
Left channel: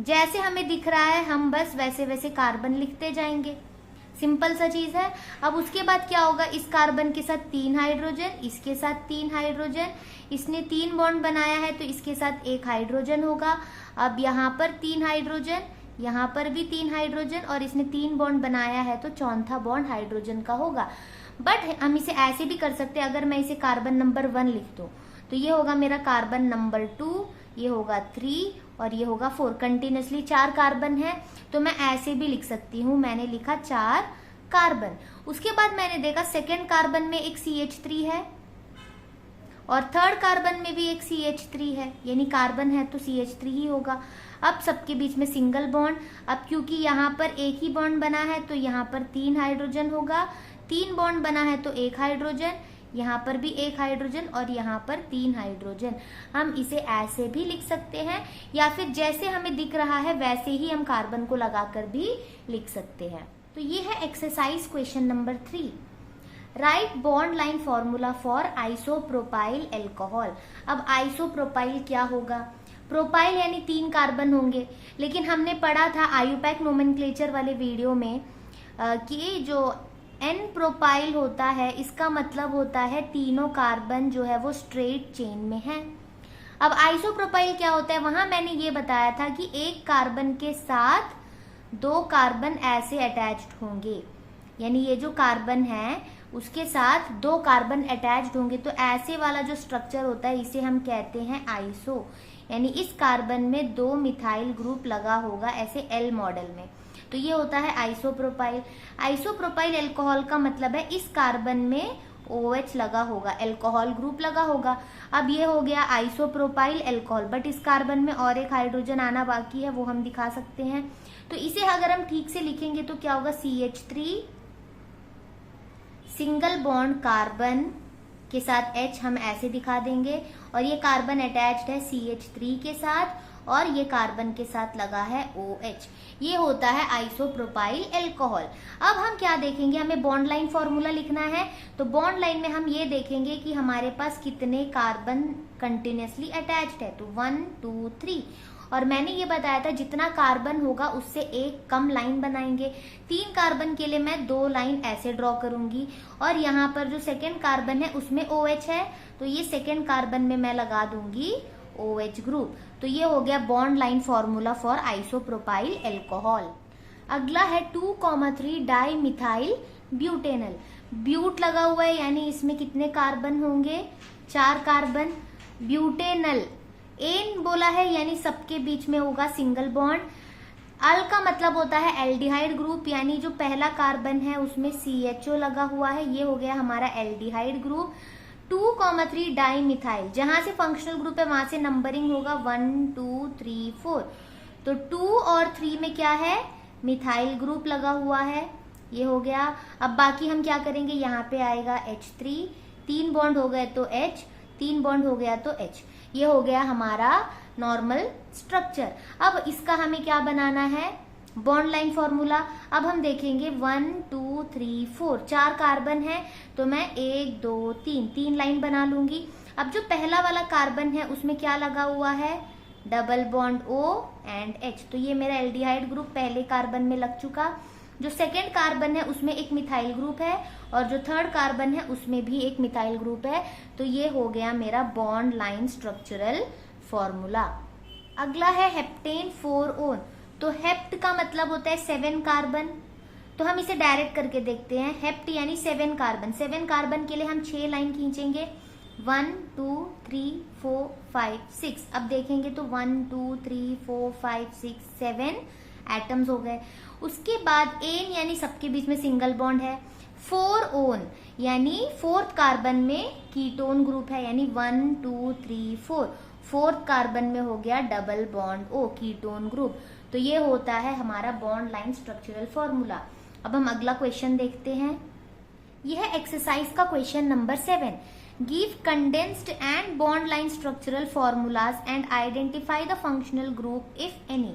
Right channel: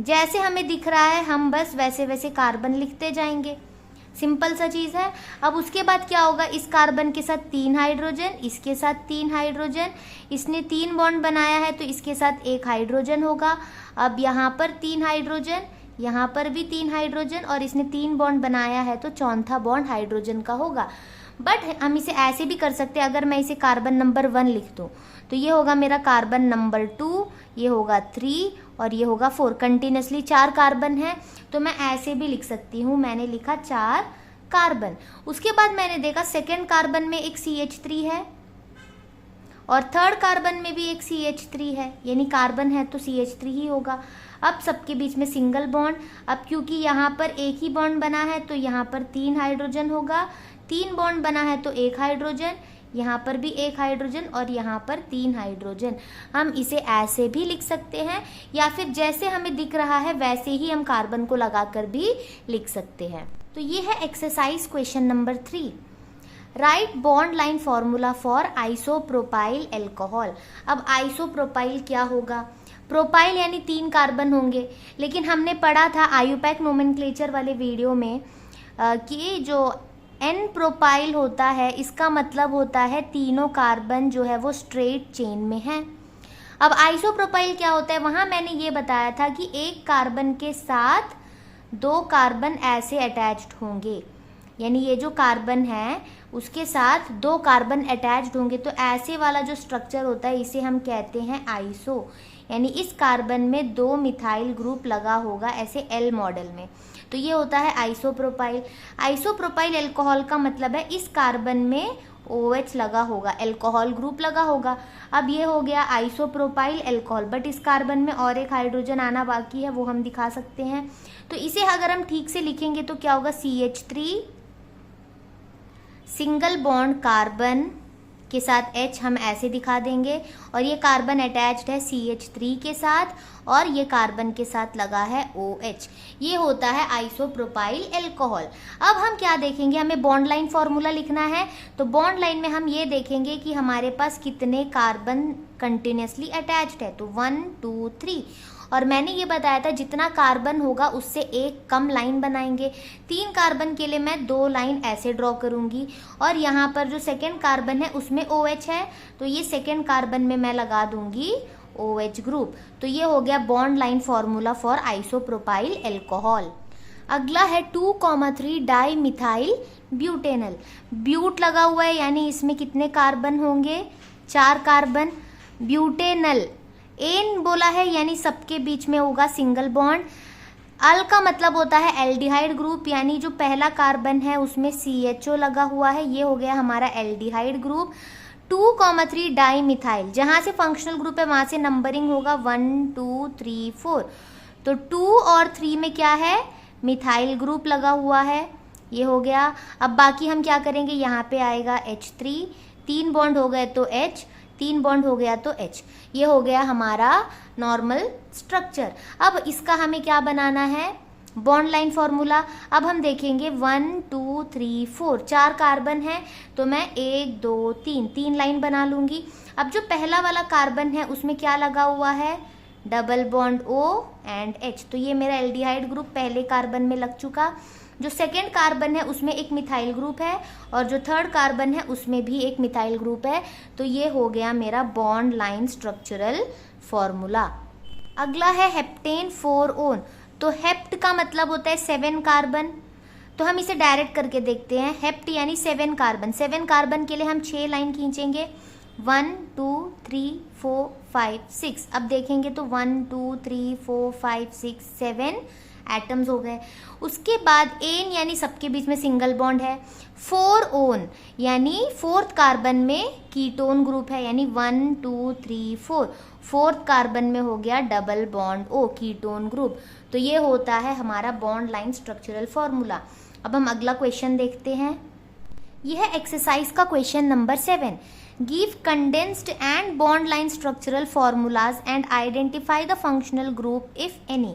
जैसे हमें दिख रहा है हम बस वैसे वैसे कार्बन लिखते जाएंगे। सिंपल सा चीज है। अब उसके बाद क्या होगा, इस कार्बन के साथ 3 हाइड्रोजन, इसके साथ 3 हाइड्रोजन। इसने 3 बॉन्ड बनाया है तो इसके साथ 1 हाइड्रोजन होगा। अब यहाँ पर 3 हाइड्रोजन, यहाँ पर भी 3 हाइड्रोजन, और इसने 3 बॉन्ड बनाया है तो चौथा बॉन्ड हाइड्रोजन का होगा। बट हम इसे ऐसे भी कर सकते हैं, अगर मैं इसे कार्बन नंबर 1 लिख दूँ तो ये होगा मेरा कार्बन नंबर 2, ये होगा 3 और ये होगा 4। कंटिन्यूसली 4 कार्बन है तो मैं ऐसे भी लिख सकती हूँ। मैंने लिखा 4 कार्बन। उसके बाद मैंने देखा सेकेंड कार्बन में एक CH3 है और थर्ड कार्बन में भी एक CH3 है, यानी कार्बन है तो CH3 ही होगा। अब सबके बीच में सिंगल बॉन्ड। अब क्योंकि यहाँ पर एक ही बॉन्ड बना है तो यहाँ पर 3 हाइड्रोजन होगा। 3 बॉन्ड बना है तो 1 हाइड्रोजन, यहाँ पर भी 1 हाइड्रोजन और यहाँ पर 3 हाइड्रोजन। हम इसे ऐसे भी लिख सकते हैं या फिर जैसे हमें दिख रहा है वैसे ही हम कार्बन को लगाकर भी लिख सकते हैं। तो ये है exercise question number 3। Right bond line formula for isopropyl alcohol. अब आइसोप्रोपाइल क्या होगा, प्रोपाइल यानी 3 कार्बन होंगे, लेकिन हमने पढ़ा था आयुपैक नोमेनक्लेचर वाले वीडियो में कि जो N प्रोपाइल होता है इसका मतलब होता है तीनों कार्बन जो है वो स्ट्रेट चेन में है। अब आइसोप्रोपाइल क्या होता है, वहां मैंने ये बताया था कि एक कार्बन के साथ 2 कार्बन ऐसे अटैच्ड होंगे, यानी ये जो कार्बन है उसके साथ 2 कार्बन अटैच्ड होंगे, तो ऐसे वाला जो स्ट्रक्चर होता है इसे हम कहते हैं आइसो, यानी इस कार्बन में 2 मिथाइल ग्रुप लगा होगा ऐसे L मॉडल में, तो ये होता है आइसोप्रोपाइल। आइसोप्रोपाइल अल्कोहल का मतलब है इस कार्बन में OH लगा होगा, अल्कोहल ग्रुप लगा होगा। अब ये हो गया आइसोप्रोपाइल अल्कोहल, बट इस कार्बन में और एक हाइड्रोजन आना बाकी है, वो हम दिखा सकते हैं। तो इसे अगर हम ठीक से लिखेंगे तो क्या होगा, CH3 सिंगल बॉन्ड कार्बन के साथ H हम ऐसे दिखा देंगे, और ये कार्बन अटैच्ड है CH3 के साथ और ये कार्बन के साथ लगा है OH। ये होता है आइसोप्रोपाइल अल्कोहल। अब हम क्या देखेंगे, हमें बॉन्ड लाइन फॉर्मूला लिखना है, तो बॉन्ड लाइन में हम ये देखेंगे कि हमारे पास कितने कार्बन कंटिन्यूसली अटैच्ड है, तो 1 2 3। और मैंने ये बताया था जितना कार्बन होगा उससे एक कम लाइन बनाएंगे। 3 कार्बन के लिए मैं 2 लाइन ऐसे ड्रॉ करूंगी, और यहाँ पर जो सेकेंड कार्बन है उसमें OH है तो ये सेकेंड कार्बन में मैं लगा दूंगी OH ग्रुप। तो ये हो गया bond line formula for isopropyl alcohol. अगला है 2,3 डाई मिथाइल ब्यूटेनल। ब्यूट लगा हुआ है यानी इसमें कितने कार्बन होंगे, 4 कार्बन। ब्यूटेनल एन बोला है यानी सबके बीच में होगा सिंगल बॉन्ड। अल का मतलब होता है एल्डिहाइड ग्रुप, यानी जो पहला कार्बन है उसमें CHO लगा हुआ है, ये हो गया हमारा एल्डिहाइड ग्रुप। 2,3 डाई मिथाइल, जहां से फंक्शनल ग्रुप है वहां से नंबरिंग होगा 1 2 3 4, तो 2 और 3 में क्या है, मिथाइल ग्रुप लगा हुआ है, ये हो गया। अब बाकी हम क्या करेंगे, यहाँ पे आएगा H3, 3 बॉन्ड हो गए तो H, 3 बॉन्ड हो गया तो H, ये हो गया हमारा नॉर्मल स्ट्रक्चर। अब इसका हमें क्या बनाना है, बॉन्ड लाइन फॉर्मूला। अब हम देखेंगे 1 2 3 4, 4 कार्बन है तो मैं 1 2 3 लाइन बना लूंगी। अब जो पहला वाला कार्बन है उसमें क्या लगा हुआ है, double bond O and H, तो ये मेरा एल्डिहाइड ग्रुप पहले कार्बन में लग चुका। जो सेकेंड कार्बन है उसमें एक मिथाइल ग्रुप है और जो थर्ड कार्बन है उसमें भी एक मिथाइल ग्रुप है। तो ये हो गया मेरा बॉन्ड लाइन स्ट्रक्चरल फॉर्मूला। अगला है हेप्टेन 4 ओन। तो हेप्ट का मतलब होता है 7 कार्बन, तो हम इसे डायरेक्ट करके देखते हैं। हेप्ट यानी 7 कार्बन, 7 कार्बन के लिए हम 6 लाइन खींचेंगे, 1 2 3 4 5 6। अब देखेंगे तो 1 2 3 4 5 6 7 एटम्स हो गए। उसके बाद एन यानी सबके बीच में सिंगल बॉन्ड है। 4 ओन यानी फोर्थ कार्बन में कीटोन ग्रुप है, यानी 1 2 3 4, फोर्थ कार्बन में हो गया double bond O, ketone group. तो ये होता है हमारा बॉन्ड लाइन स्ट्रक्चरल फॉर्मूला। अब हम अगला क्वेश्चन देखते हैं। यह है एक्सरसाइज का question number 7। Give condensed and bond line structural formulas and identify the functional group if any.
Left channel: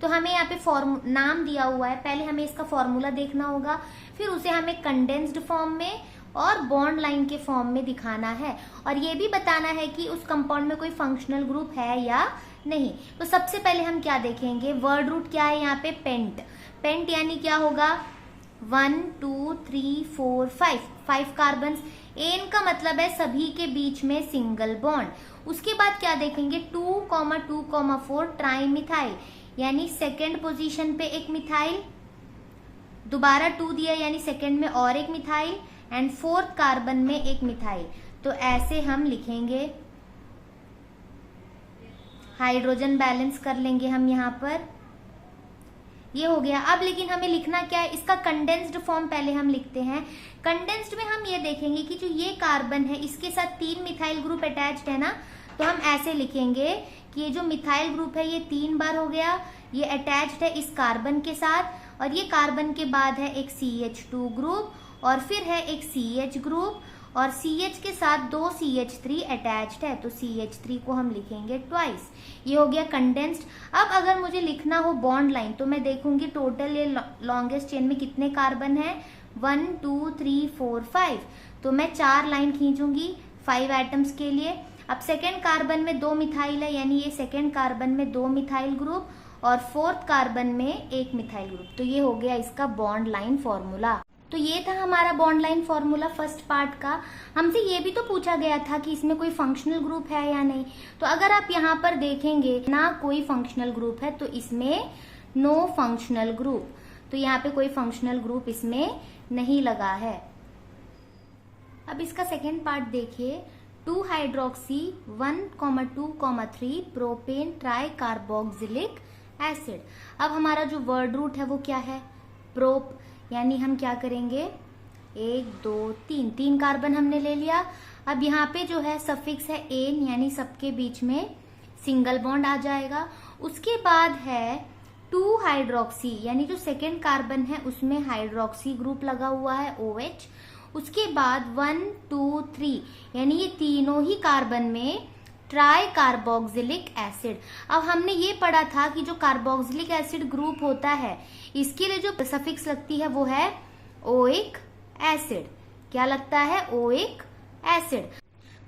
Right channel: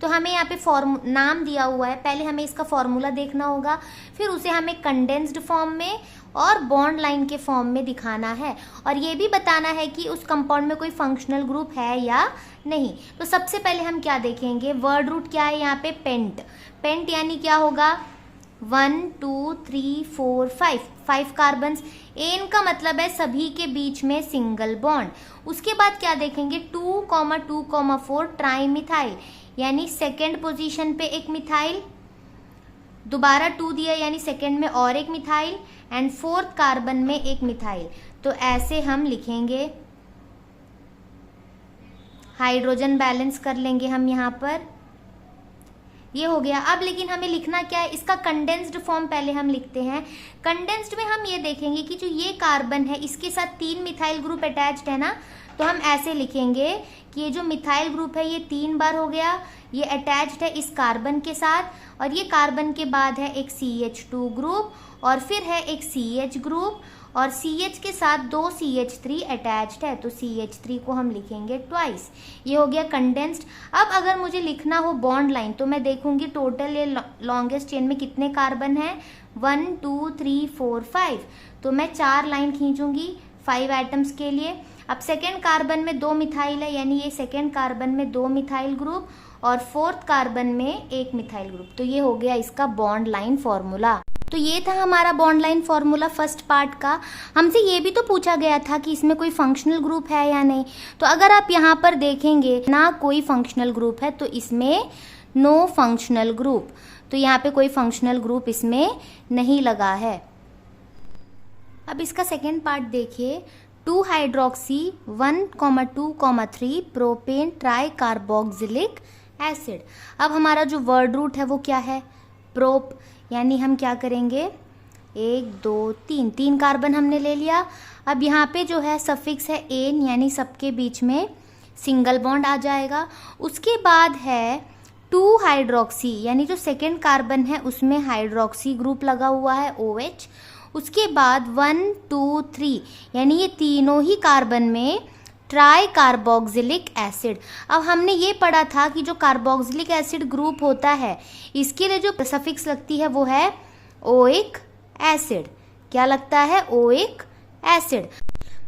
तो हमें यहाँ पे नाम दिया हुआ है, पहले हमें इसका फॉर्मूला देखना होगा, फिर उसे हमें कंडेंस्ड फॉर्म में और बॉन्ड लाइन के फॉर्म में दिखाना है, और ये भी बताना है कि उस कंपाउंड में कोई फंक्शनल ग्रुप है या नहीं। तो सबसे पहले हम क्या देखेंगे, वर्ड रूट क्या है यहाँ पे, पेंट। पेंट यानी क्या होगा, 1 2 3 4 5 कार्बन। एन का मतलब है सभी के बीच में सिंगल बॉन्ड। उसके बाद क्या देखेंगे, 2,2,4 ट्राई मिथाइल, यानी सेकेंड पोजीशन पे एक मिथाइल, दोबारा 2 दिया यानी सेकेंड में और एक मिथाइल, एंड फोर्थ कार्बन में एक मिथाइल। तो ऐसे हम लिखेंगे, हाइड्रोजन बैलेंस कर लेंगे हम यहाँ पर, ये हो गया। अब लेकिन हमें लिखना क्या है, इसका कंडेंस्ड फॉर्म पहले हम लिखते हैं। कंडेंस्ड में हम ये देखेंगे कि जो ये कार्बन है इसके साथ 3 मिथाइल ग्रुप अटैच्ड है ना, तो हम ऐसे लिखेंगे कि ये जो मिथाइल ग्रुप है ये 3 बार हो गया, ये अटैच्ड है इस कार्बन के साथ, और ये कार्बन के बाद है एक CH2 ग्रुप, और फिर है एक CH ग्रुप, और CH के साथ 2 CH3 अटैच्ड है, तो CH3 को हम लिखेंगे ट्वाइस। ये हो गया कंडेंस्ड। अब अगर मुझे लिखना हो बॉन्ड लाइन, तो मैं देखूंगी टोटल ये लॉन्गेस्ट चेन में कितने कार्बन है, 1 2 3 4 5, तो मैं 4 लाइन खींचूंगी 5 आइटम्स के लिए। अब सेकेंड कार्बन में 2 मिथाइल है, यानी ये सेकेंड कार्बन में 2 मिथाइल ग्रुप, और फोर्थ कार्बन में एक मिथाइल ग्रुप। तो ये हो गया इसका बॉन्ड लाइन फॉर्मूला। तो ये था हमारा bond line formula first part का। हमसे ये भी तो पूछा गया था कि इसमें कोई फंक्शनल ग्रुप है या नहीं। तो अगर आप यहाँ पर देखेंगे ना कोई फंक्शनल ग्रुप है, तो इसमें नो फंक्शनल ग्रुप, तो यहाँ पे कोई फंक्शनल ग्रुप इसमें नहीं लगा है। अब इसका सेकेंड पार्ट देखिए, 2 hydroxy 1,2,3 propane try carboxylic acid. अब हमारा जो वर्ड रूट है वो क्या है, प्रोप, यानी हम क्या करेंगे, 1 2 3 कार्बन हमने ले लिया। अब यहाँ पे जो है सफिक्स है एन, यानी सबके बीच में सिंगल बॉन्ड आ जाएगा। उसके बाद है 2 हाइड्रोक्सी, यानी जो सेकेंड कार्बन है उसमें हाइड्रोक्सी ग्रुप लगा हुआ है OH। उसके बाद 1 2 3, यानी ये तीनों ही कार्बन में ट्राई कार्बोक्सिलिक एसिड। अब हमने ये पढ़ा था कि जो कार्बोक्सिलिक एसिड ग्रुप होता है इसके लिए जो सफिक्स लगती है वो है ओइक एसिड। क्या लगता है, ओइक एसिड।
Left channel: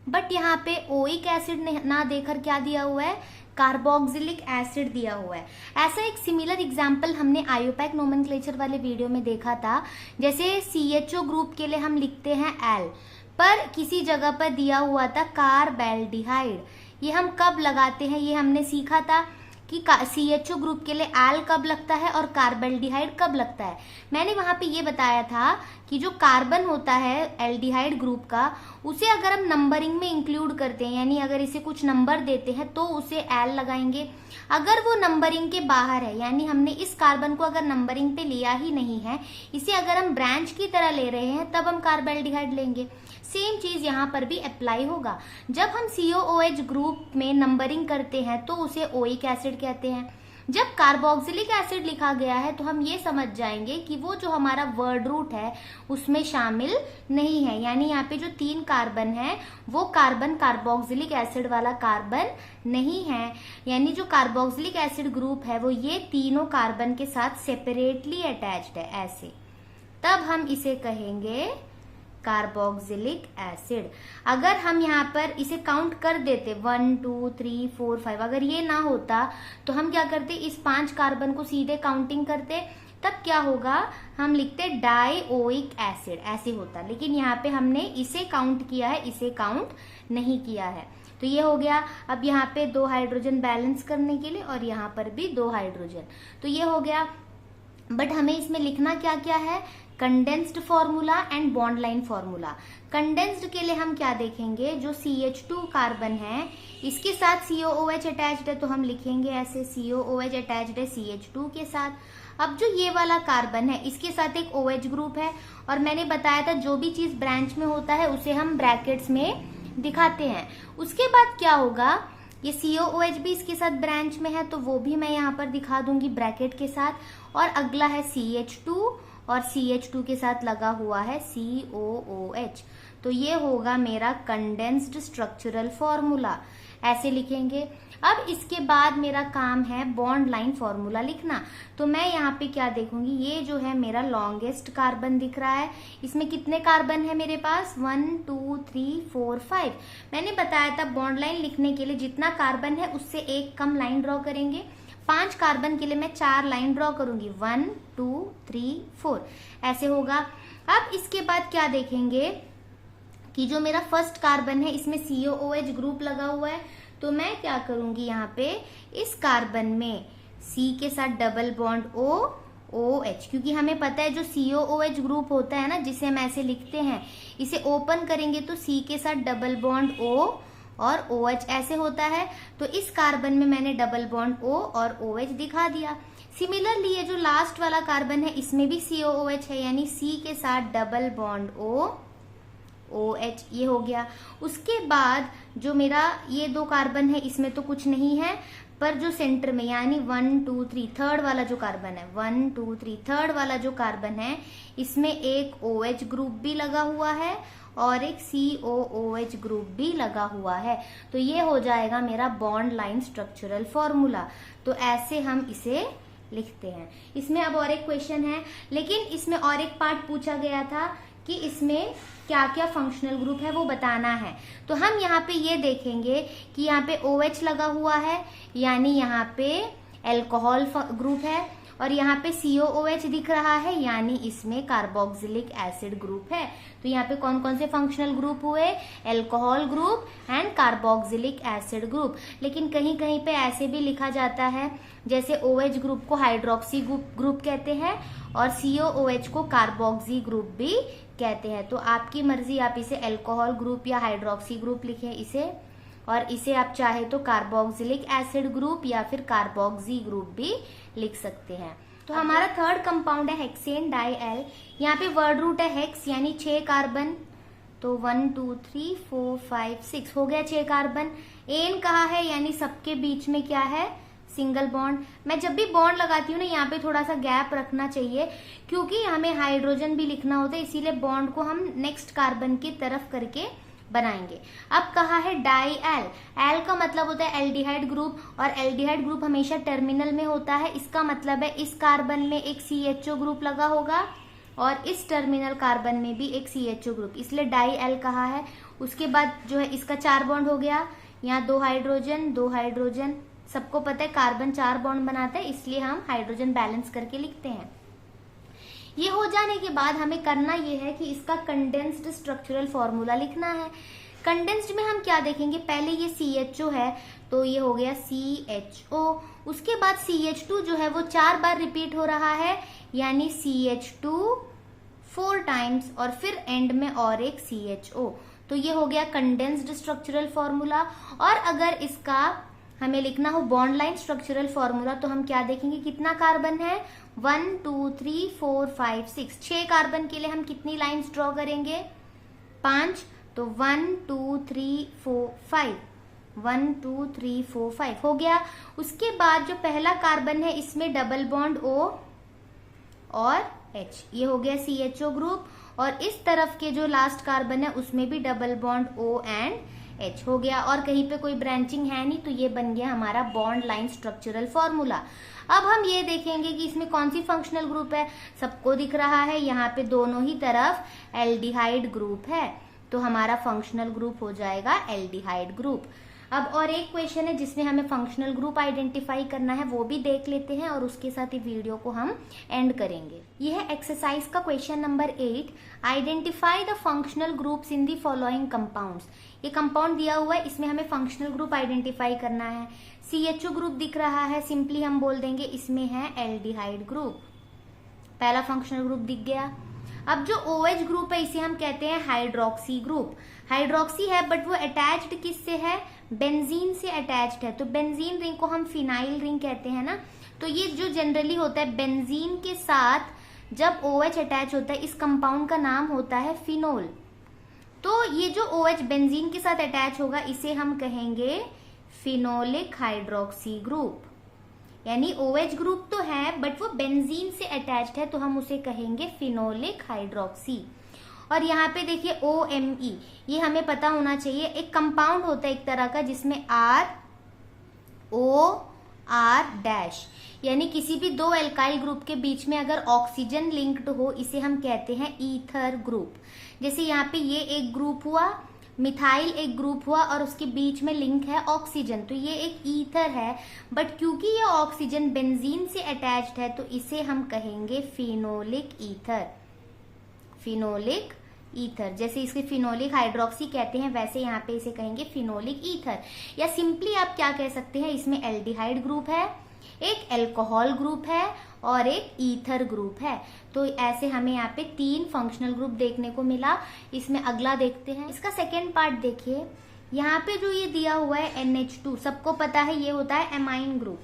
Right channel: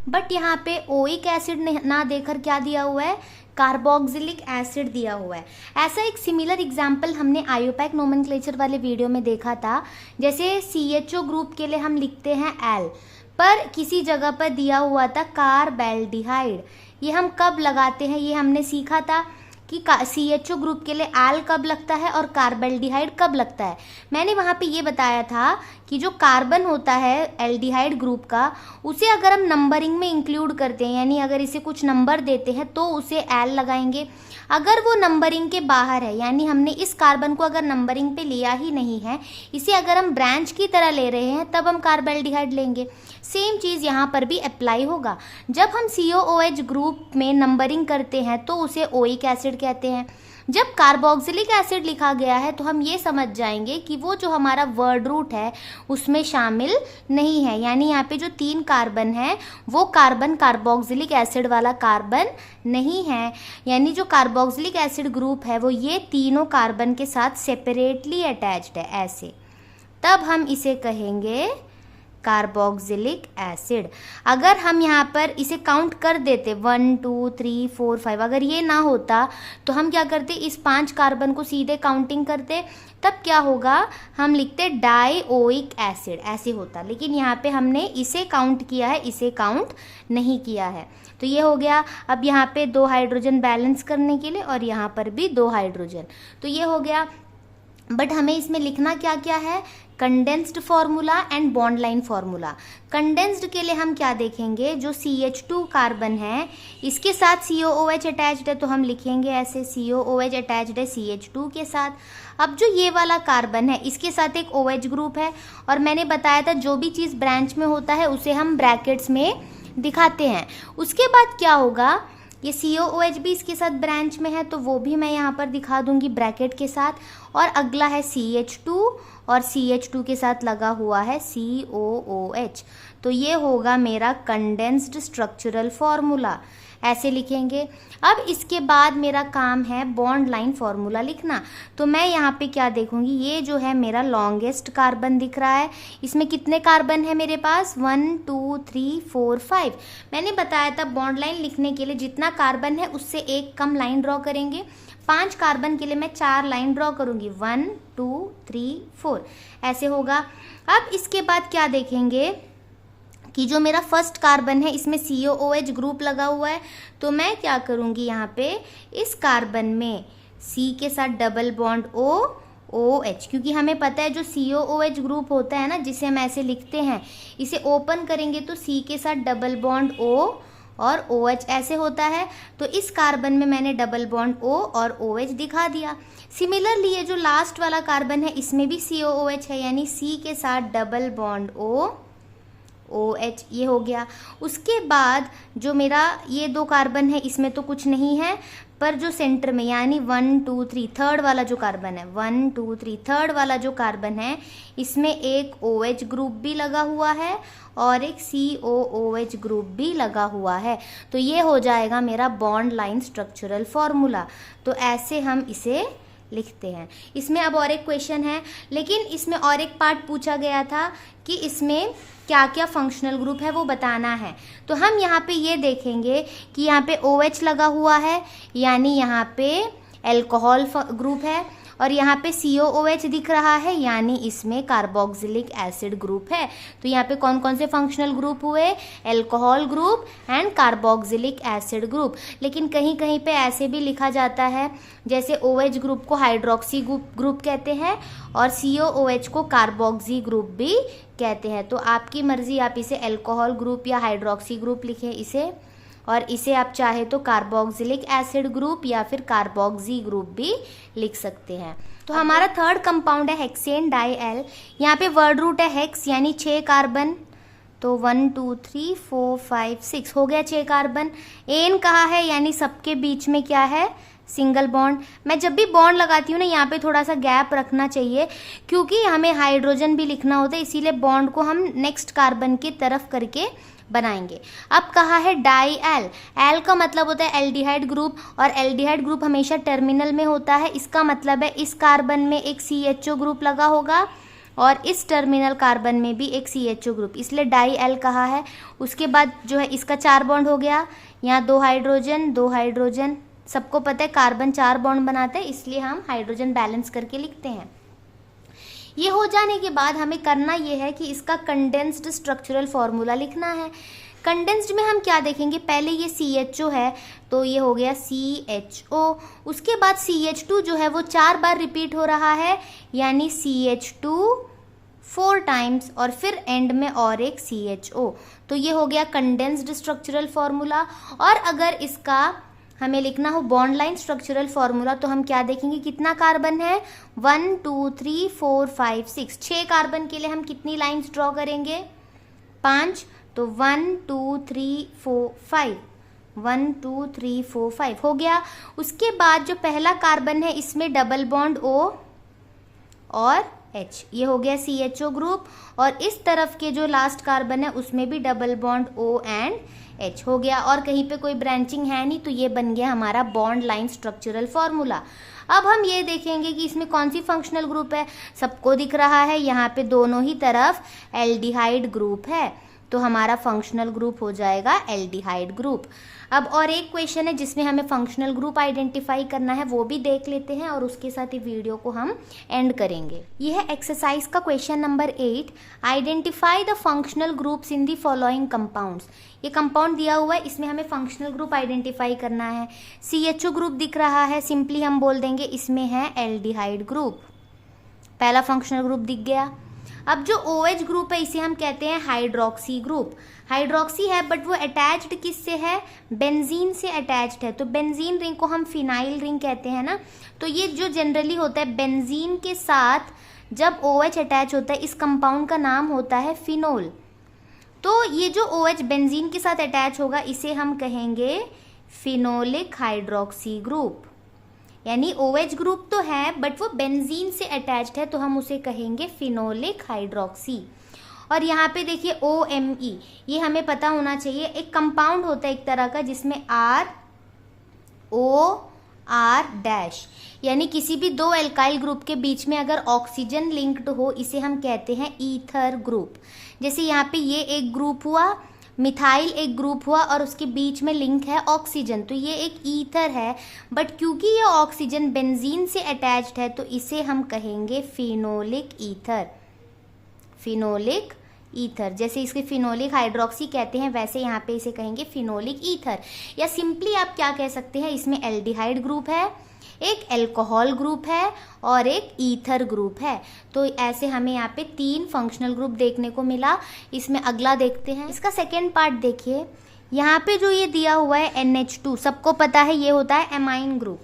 बट यहाँ पे ओइक एसिड ना देकर क्या दिया हुआ है, कार्बोक्सिलिक एसिड दिया हुआ है। ऐसा एक सिमिलर एग्जाम्पल हमने आयोपैक नोमेनक्लेचर वाले वीडियो में देखा था। जैसे CHO ग्रुप के लिए हम लिखते हैं एल, पर किसी जगह पर दिया हुआ था कार्बेल्डिहाइड। ये हम कब लगाते हैं, ये हमने सीखा था कि CHO ग्रुप के लिए एल कब लगता है और कार्बेल्डिहाइड कब लगता है। मैंने वहाँ पे ये बताया था कि जो कार्बन होता है एल्डिहाइड ग्रुप का, उसे अगर हम नंबरिंग में इंक्लूड करते हैं, यानी अगर इसे कुछ नंबर देते हैं तो उसे एल लगाएंगे। अगर वो नंबरिंग के बाहर है, यानी हमने इस कार्बन को अगर नंबरिंग पे लिया ही नहीं है, इसे अगर हम ब्रांच की तरह ले रहे हैं, तब हम कार्बेल्डिहाइड लेंगे। सेम चीज़ यहाँ पर भी अप्लाई होगा। जब हम COOH ग्रुप में नंबरिंग करते हैं तो उसे ओइक एसिड कहते हैं। जब कार्बोक्सिलिक एसिड लिखा गया है तो हम ये समझ जाएंगे कि वो जो हमारा वर्ड रूट है उसमें शामिल नहीं है, यानी यहाँ पे जो 3 कार्बन है वो कार्बन कार्बोक्सिलिक एसिड वाला कार्बन नहीं है। यानी जो कार्बोक्सिलिक एसिड ग्रुप है वो ये तीनों कार्बन के साथ सेपरेटली अटैच्ड है ऐसे। तब हम इसे कहेंगे कार्बोक्सिलिक एसिड। अगर हम यहाँ पर इसे काउंट कर देते 1 2 3 4 5, अगर ये ना होता तो हम क्या करते, इस 5 कार्बन को सीधे काउंटिंग करते, तब क्या होगा, हम लिखते डाइओइक एसिड, ऐसे होता। लेकिन यहाँ पे हमने इसे काउंट किया है, इसे काउंट नहीं किया है। तो ये हो गया। अब यहाँ पे 2 हाइड्रोजन बैलेंस करने के लिए और यहाँ पर भी 2 हाइड्रोजन, तो ये हो गया। बट हमें इसमें लिखना क्या क्या है, condensed formula and bond line formula. Condensed के लिए हम क्या देखेंगे, जो CH2 कार्बन है इसके साथ COOH अटैच्ड है, तो हम लिखेंगे ऐसे COOH अटैच्ड है CH2 के साथ। अब जो ये वाला कार्बन है इसके साथ एक OH ग्रुप है, और मैंने बताया था जो भी चीज़ ब्रांच में होता है उसे हम ब्रैकेट्स में दिखाते हैं। उसके बाद क्या होगा, ये COOH भी इसके साथ ब्रांच में है, तो वो भी मैं यहाँ पर दिखा दूंगी ब्रैकेट के साथ। और अगला है CH2, और CH2 के साथ लगा हुआ है COOH। तो ये होगा मेरा कंडेंस्ड स्ट्रक्चरल फॉर्मूला, ऐसे लिखेंगे। अब इसके बाद मेरा काम है बॉन्ड लाइन फॉर्मूला लिखना। तो मैं यहाँ पे क्या देखूंगी, ये जो है मेरा लॉन्गेस्ट कार्बन दिख रहा है, इसमें कितने कार्बन है मेरे पास, 1 2 3 4 5। मैंने बताया था बॉन्ड लाइन लिखने के लिए जितना कार्बन है उससे एक कम लाइन ड्रॉ करेंगे। 5 कार्बन के लिए मैं 4 लाइन ड्रॉ करूंगी, 1 2 3 4, ऐसे होगा। अब इसके बाद क्या देखेंगे कि जो मेरा फर्स्ट कार्बन है इसमें COOH ग्रुप लगा हुआ है, तो मैं क्या करूंगी, यहाँ पे इस कार्बन में C के साथ डबल बॉन्ड OH, क्योंकि हमें पता है जो COOH ग्रुप होता है ना, जिसे हम ऐसे लिखते हैं, इसे ओपन करेंगे तो C के साथ डबल बॉन्ड O और OH ऐसे होता है। तो इस कार्बन में मैंने डबल बॉन्ड O और OH दिखा दिया। सिमिलरली ये जो लास्ट वाला कार्बन है इसमें भी COOH है, यानी C के साथ डबल बॉन्ड OH, ये हो गया। उसके बाद जो मेरा ये 2 कार्बन है इसमें तो कुछ नहीं है, पर जो सेंटर में यानी 1 2 3 थर्ड वाला जो कार्बन है, 1 2 3 थर्ड वाला जो कार्बन है इसमें एक OH ग्रुप भी लगा हुआ है और एक COOH ग्रुप भी लगा हुआ है। तो ये हो जाएगा मेरा बॉन्ड लाइन स्ट्रक्चरल फॉर्मूला। तो ऐसे हम इसे लिखते हैं। इसमें अब और एक क्वेश्चन है, लेकिन इसमें और एक पार्ट पूछा गया था कि इसमें क्या क्या फंक्शनल ग्रुप है वो बताना है। तो हम यहाँ पे ये देखेंगे कि यहाँ पे OH लगा हुआ है, यानी यहाँ पे एल्कोहल ग्रुप है, और यहाँ पे COOH दिख रहा है, यानी इसमें कार्बोक्सिलिक एसिड ग्रुप है। तो यहाँ पे कौन कौन से फंक्शनल ग्रुप हुए, alcohol group and carboxylic acid group. लेकिन कहीं कहीं पे ऐसे भी लिखा जाता है, जैसे OH ग्रुप को हाइड्रोक्सी ग्रुप कहते हैं और COOH को कार्बोक्सी ग्रुप भी कहते हैं। तो आपकी मर्जी, आप इसे एल्कोहल ग्रुप या हाइड्रोक्सी ग्रुप लिखें इसे, और इसे आप चाहे तो कार्बोक्सिलिक एसिड ग्रुप या फिर कार्बोक्सी ग्रुप भी लिख सकते हैं। तो हमारा थर्ड कंपाउंड है हेक्सेन डाइएल। यहाँ पे वर्ड रूट है हेक्स, यानी 6 कार्बन। तो 1 2 3 4 5 6 हो गया 6 कार्बन। एन कहा है, यानी सबके बीच में क्या है, सिंगल बॉन्ड। मैं जब भी बॉन्ड लगाती हूँ ना, यहाँ पे थोड़ा सा गैप रखना चाहिए, क्योंकि हमें हाइड्रोजन भी लिखना होता है, इसीलिए बॉन्ड को हम नेक्स्ट कार्बन की तरफ करके बनाएंगे। अब कहा है डाइएल। एल का मतलब होता है एल्डिहाइड ग्रुप, और एल्डिहाइड ग्रुप हमेशा टर्मिनल में होता है। इसका मतलब है इस कार्बन में एक CHO ग्रुप लगा होगा और इस टर्मिनल कार्बन में भी एक CHO ग्रुप, इसलिए डाइएल कहा है। उसके बाद जो है इसका 4 बॉन्ड हो गया, यहाँ 2 हाइड्रोजन 2 हाइड्रोजन। सबको पता है कार्बन 4 बॉन्ड बनाते हैं, इसलिए हम हाइड्रोजन बैलेंस करके लिखते हैं। ये हो जाने के बाद हमें करना ये है कि इसका कंडेंस्ड स्ट्रक्चरल फॉर्मूला लिखना है। कंडेंस्ड में हम क्या देखेंगे, पहले ये CHO है तो ये हो गया CHO। उसके बाद CH2 जो है वो 4 बार रिपीट हो रहा है, यानी CH2 4 टाइम्स, और फिर एंड में और एक CHO। तो ये हो गया कंडेंस्ड स्ट्रक्चरल फॉर्मूला। और अगर इसका हमें लिखना हो बॉन्ड लाइन स्ट्रक्चरल फॉर्मूला, तो हम क्या देखेंगे, कितना कार्बन है, 1 2 3 4 5 6। 6 कार्बन के लिए हम कितनी लाइंस ड्रॉ करेंगे, 5। तो 1 2 3 4 5, 1 2 3 4 5 हो गया। उसके बाद जो पहला कार्बन है इसमें डबल बॉन्ड O और H, ये हो गया CHO ग्रुप, और इस तरफ के जो लास्ट कार्बन है उसमें भी double bond O and H हो गया, और कहीं पे कोई ब्रांचिंग है नहीं, तो ये बन गया हमारा बॉन्ड लाइन स्ट्रक्चरल फॉर्मूला। अब हम ये देखेंगे कि इसमें कौन सी फंक्शनल ग्रुप है। सबको दिख रहा है यहाँ पे दोनों ही तरफ एल्डिहाइड ग्रुप है, तो हमारा फंक्शनल ग्रुप हो जाएगा एल्डिहाइड ग्रुप। अब और एक क्वेश्चन है जिसमें हमें फंक्शनल ग्रुप आइडेंटिफाई करना है, वो भी देख लेते हैं और उसके साथ ही वीडियो को हम एंड करेंगे। यह है एक्सरसाइज का question number 8, identify the functional groups in the following compounds. ये कंपाउंड दिया हुआ है, इसमें हमें फंक्शनल ग्रुप आइडेंटिफाई करना है। CHO ग्रुप दिख रहा है, सिंपली हम बोल देंगे इसमें है एल्डिहाइड ग्रुप, पहला फंक्शनल ग्रुप दिख गया। अब जो OH ग्रुप है इसे हम कहते हैं हाइड्रोक्सी ग्रुप। हाइड्रोक्सी है बट वो अटैच्ड किससे है, बेंजीन से अटैच्ड है, तो बेंजीन रिंग को हम फिनाइल रिंग कहते हैं ना। तो ये जो जनरली होता है बेंजीन के साथ जब OH अटैच होता है, इस कंपाउंड का नाम होता है फिनोल। तो ये जो OH बेंजीन के साथ अटैच होगा इसे हम कहेंगे फिनोलिक हाइड्रोक्सी ग्रुप। यानी OH ग्रुप तो है बट वो बेंजीन से अटैच्ड है, तो हम उसे कहेंगे फिनोलिक हाइड्रोक्सी। और यहाँ पे देखिए OMe, ये हमें पता होना चाहिए, एक कंपाउंड होता है एक तरह का जिसमें ROR यानी किसी भी दो एल्काइल ग्रुप के बीच में अगर ऑक्सीजन लिंक्ड हो इसे हम कहते हैं ईथर ग्रुप। जैसे यहाँ पे ये एक ग्रुप हुआ, मिथाइल एक ग्रुप हुआ और उसके बीच में लिंक है ऑक्सीजन, तो ये एक ईथर है। बट क्योंकि ये ऑक्सीजन बेंजीन से अटैच्ड है तो इसे हम कहेंगे फिनोलिक ईथर। फिनोलिक ईथर, जैसे इसके फिनोलिक हाइड्रोक्सी कहते हैं वैसे यहाँ पे इसे कहेंगे फिनोलिक ईथर। या सिंपली आप क्या कह सकते हैं, इसमें एल्डिहाइड ग्रुप है, एक अल्कोहल ग्रुप है और एक ईथर ग्रुप है। तो ऐसे हमें यहाँ पे 3 फंक्शनल ग्रुप देखने को मिला। इसमें अगला देखते हैं, इसका सेकेंड पार्ट देखिए। यहाँ पे जो ये दिया हुआ है NH2, सबको पता है ये होता है एमाइन ग्रुप।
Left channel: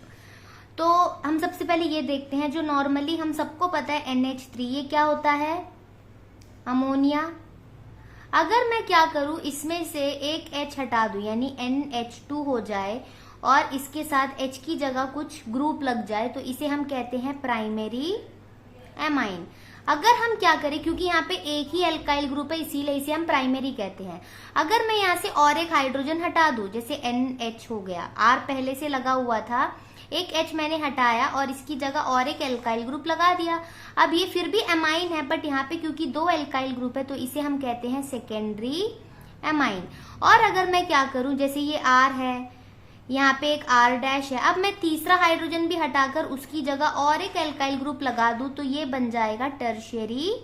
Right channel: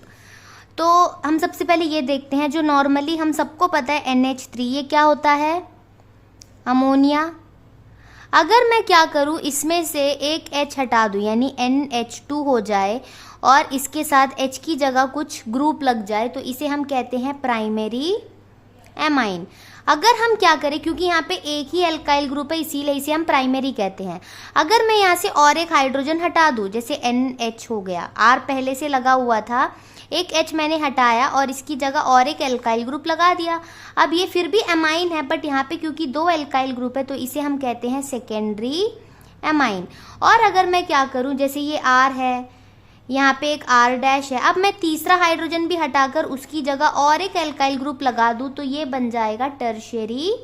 तो हम सबसे पहले ये देखते हैं, जो नॉर्मली हम सबको पता है NH3, ये क्या होता है, अमोनिया। अगर मैं क्या करूं, इसमें से एक H हटा दूं यानी NH2 हो जाए और इसके साथ H की जगह कुछ ग्रुप लग जाए तो इसे हम कहते हैं प्राइमरी एमाइन। अगर हम क्या करें, क्योंकि यहाँ पे एक ही एल्काइल ग्रुप है इसीलिए इसे हम प्राइमरी कहते हैं। अगर मैं यहाँ से और एक हाइड्रोजन हटा दूं, जैसे NH हो गया, R पहले से लगा हुआ था, एक H मैंने हटाया और इसकी जगह और एक एल्काइल ग्रुप लगा दिया। अब ये फिर भी एमाइन है बट यहाँ पे क्योंकि 2 एल्काइल ग्रुप है तो इसे हम कहते हैं सेकेंडरी एमाइन। और अगर मैं क्या करूं, जैसे ये R है, यहाँ पे एक R' है, अब मैं तीसरा हाइड्रोजन भी हटाकर उसकी जगह और एक एल्काइल ग्रुप लगा दूं तो ये बन जाएगा टर्शियरी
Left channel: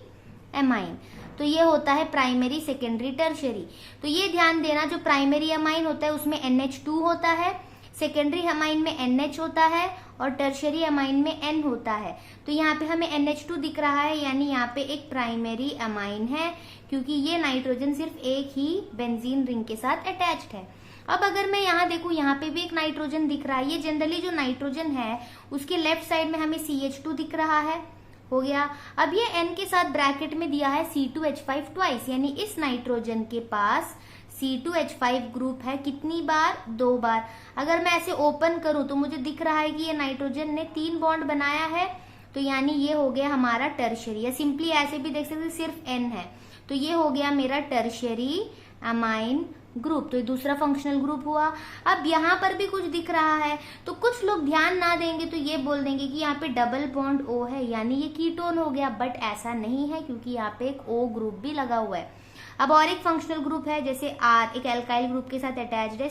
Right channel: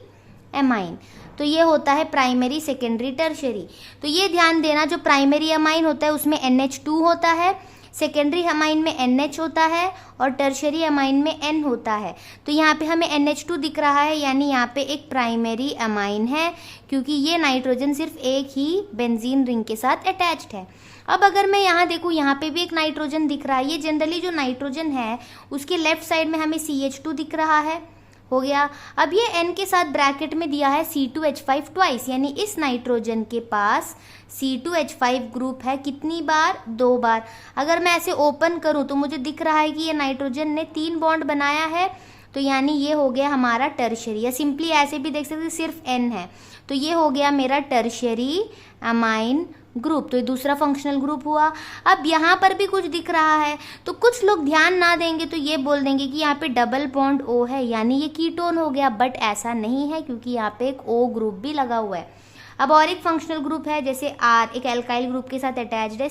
एमाइन। तो ये होता है प्राइमरी, सेकेंडरी, टर्शियरी। तो ये ध्यान देना, जो प्राइमरी एमाइन होता है उसमें NH2 होता है, सेकेंडरी एमाइन में NH होता है और टर्शियरी एमाइन में N होता है। तो यहाँ पे हमें NH2 दिख रहा है यानी यहाँ पे एक प्राइमरी एमाइन है, क्योंकि ये नाइट्रोजन सिर्फ एक ही बेंजीन रिंग के साथ अटैच्ड है। अब अगर मैं यहाँ देखूँ, यहाँ पे भी एक नाइट्रोजन दिख रहा है। ये जनरली जो नाइट्रोजन है उसके लेफ्ट साइड में हमें CH2 दिख रहा है, हो गया। अब ये N के साथ ब्रैकेट में दिया है C2H5 ट्वाइस, यानी इस नाइट्रोजन के पास C2H5 ग्रुप है कितनी बार, 2 बार। अगर मैं ऐसे ओपन करूं तो मुझे दिख रहा है कि ये नाइट्रोजन ने 3 बॉन्ड बनाया है, तो यानी ये हो गया हमारा टर्शियरी। या सिंपली ऐसे भी देख सकते सिर्फ N है, तो ये हो गया मेरा टर्शियरी एमाइन ग्रुप। तो ये दूसरा फंक्शनल ग्रुप हुआ। अब यहाँ पर भी कुछ दिख रहा है, तो कुछ लोग ध्यान ना देंगे तो ये बोल देंगे कि यहाँ पे डबल बॉन्ड O है यानी ये कीटोन हो गया, बट ऐसा नहीं है क्योंकि यहाँ पे एक O ग्रुप भी लगा हुआ है। अब और एक फंक्शनल ग्रुप है, जैसे R एक एल्काइल ग्रुप के साथ अटैच्ड है,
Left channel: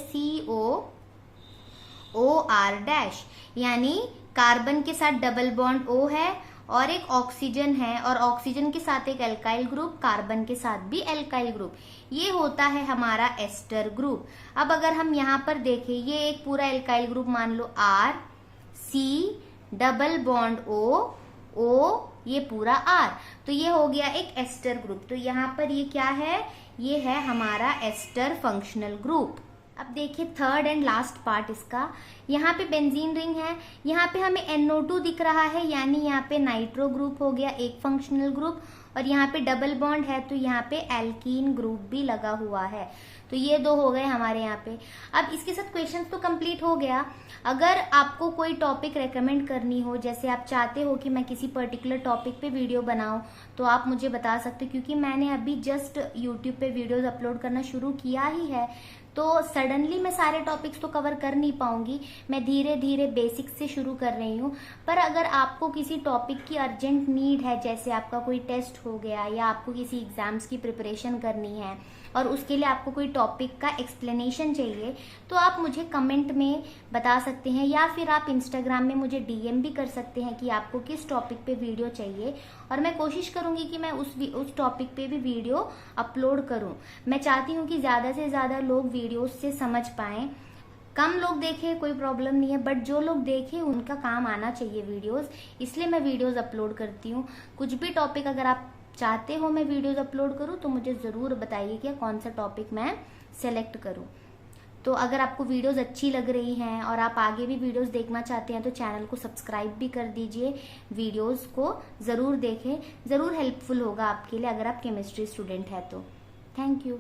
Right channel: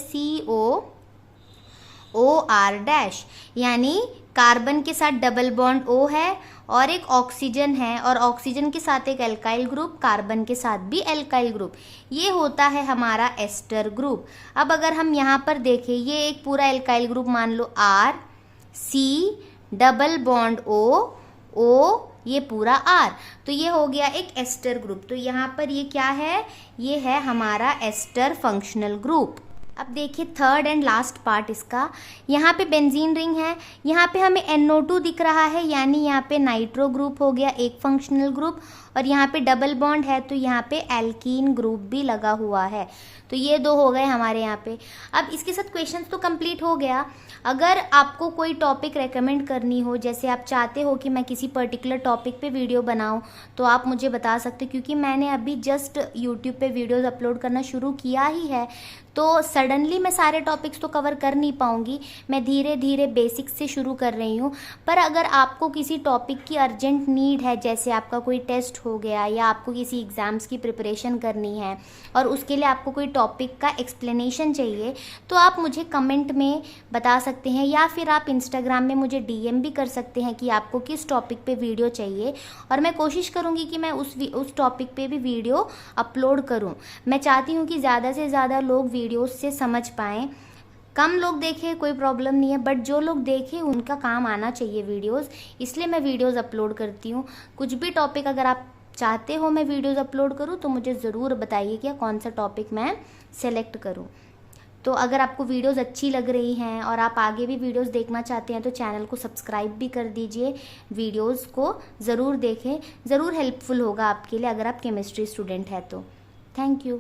COOR' यानी कार्बन के साथ डबल बॉन्ड O है और एक ऑक्सीजन है और ऑक्सीजन के साथ एक एल्काइल ग्रुप, कार्बन के साथ भी एल्काइल ग्रुप, ये होता है हमारा एस्टर ग्रुप। अब अगर हम यहाँ पर देखें, ये एक पूरा एल्काइल ग्रुप मान लो R, C double bond O, ये पूरा R, तो ये हो गया एक एस्टर ग्रुप। तो यहाँ पर ये क्या है, ये है हमारा एस्टर फंक्शनल ग्रुप। अब देखिए थर्ड एंड लास्ट पार्ट इसका, यहाँ पे बेंजीन रिंग है, यहाँ पे हमें NO2 दिख रहा है यानी यहाँ पे नाइट्रो ग्रुप हो गया एक फंक्शनल ग्रुप, और यहाँ पे डबल बॉन्ड है तो यहाँ पे एल्कीन ग्रुप भी लगा हुआ है। तो ये 2 हो गए हमारे यहाँ पे। अब इसके साथ क्वेश्चंस तो कंप्लीट हो गया। अगर आपको कोई टॉपिक रेकमेंड करनी हो, जैसे आप चाहते हो कि मैं किसी पर्टिकुलर टॉपिक पे वीडियो बनाऊं, तो आप मुझे बता सकते हो, क्योंकि मैंने अभी जस्ट यूट्यूब पे वीडियोस अपलोड करना शुरू किया ही है, तो सडनली मैं सारे टॉपिक्स तो कवर कर नहीं पाऊंगी। मैं धीरे धीरे बेसिक्स से शुरू कर रही हूँ। पर अगर आपको किसी टॉपिक की अर्जेंट नीड है, जैसे आपका कोई टेस्ट हो गया या आपको किसी एग्ज़ाम्स की प्रिपरेशन करनी है और उसके लिए आपको कोई टॉपिक का एक्सप्लेनेशन चाहिए, तो आप मुझे कमेंट में बता सकते हैं, या फिर आप इंस्टाग्राम में मुझे डीएम भी कर सकते हैं कि आपको किस टॉपिक पे वीडियो चाहिए, और मैं कोशिश करूँगी कि मैं उस टॉपिक पे भी वीडियो अपलोड करूँ। मैं चाहती हूँ कि ज़्यादा से ज़्यादा लोग वीडियोस से समझ पाएँ। कम लोग देखें कोई प्रॉब्लम नहीं है, बट जो लोग देखें उनका काम आना चाहिए वीडियोस, इसलिए मैं वीडियोस अपलोड करती हूँ। कुछ भी टॉपिक अगर आप चाहते हो मैं वीडियोस अपलोड करूँ तो मुझे ज़रूर बताइए कि कौन सा टॉपिक मैं सेलेक्ट करूँ। तो अगर आपको वीडियोस अच्छी लग रही हैं और आप आगे भी वीडियोस देखना चाहते हैं तो चैनल को सब्सक्राइब भी कर दीजिए। वीडियोस को ज़रूर देखें, ज़रूर हेल्पफुल होगा आपके लिए अगर आप केमिस्ट्री स्टूडेंट हैं तो। Thank you.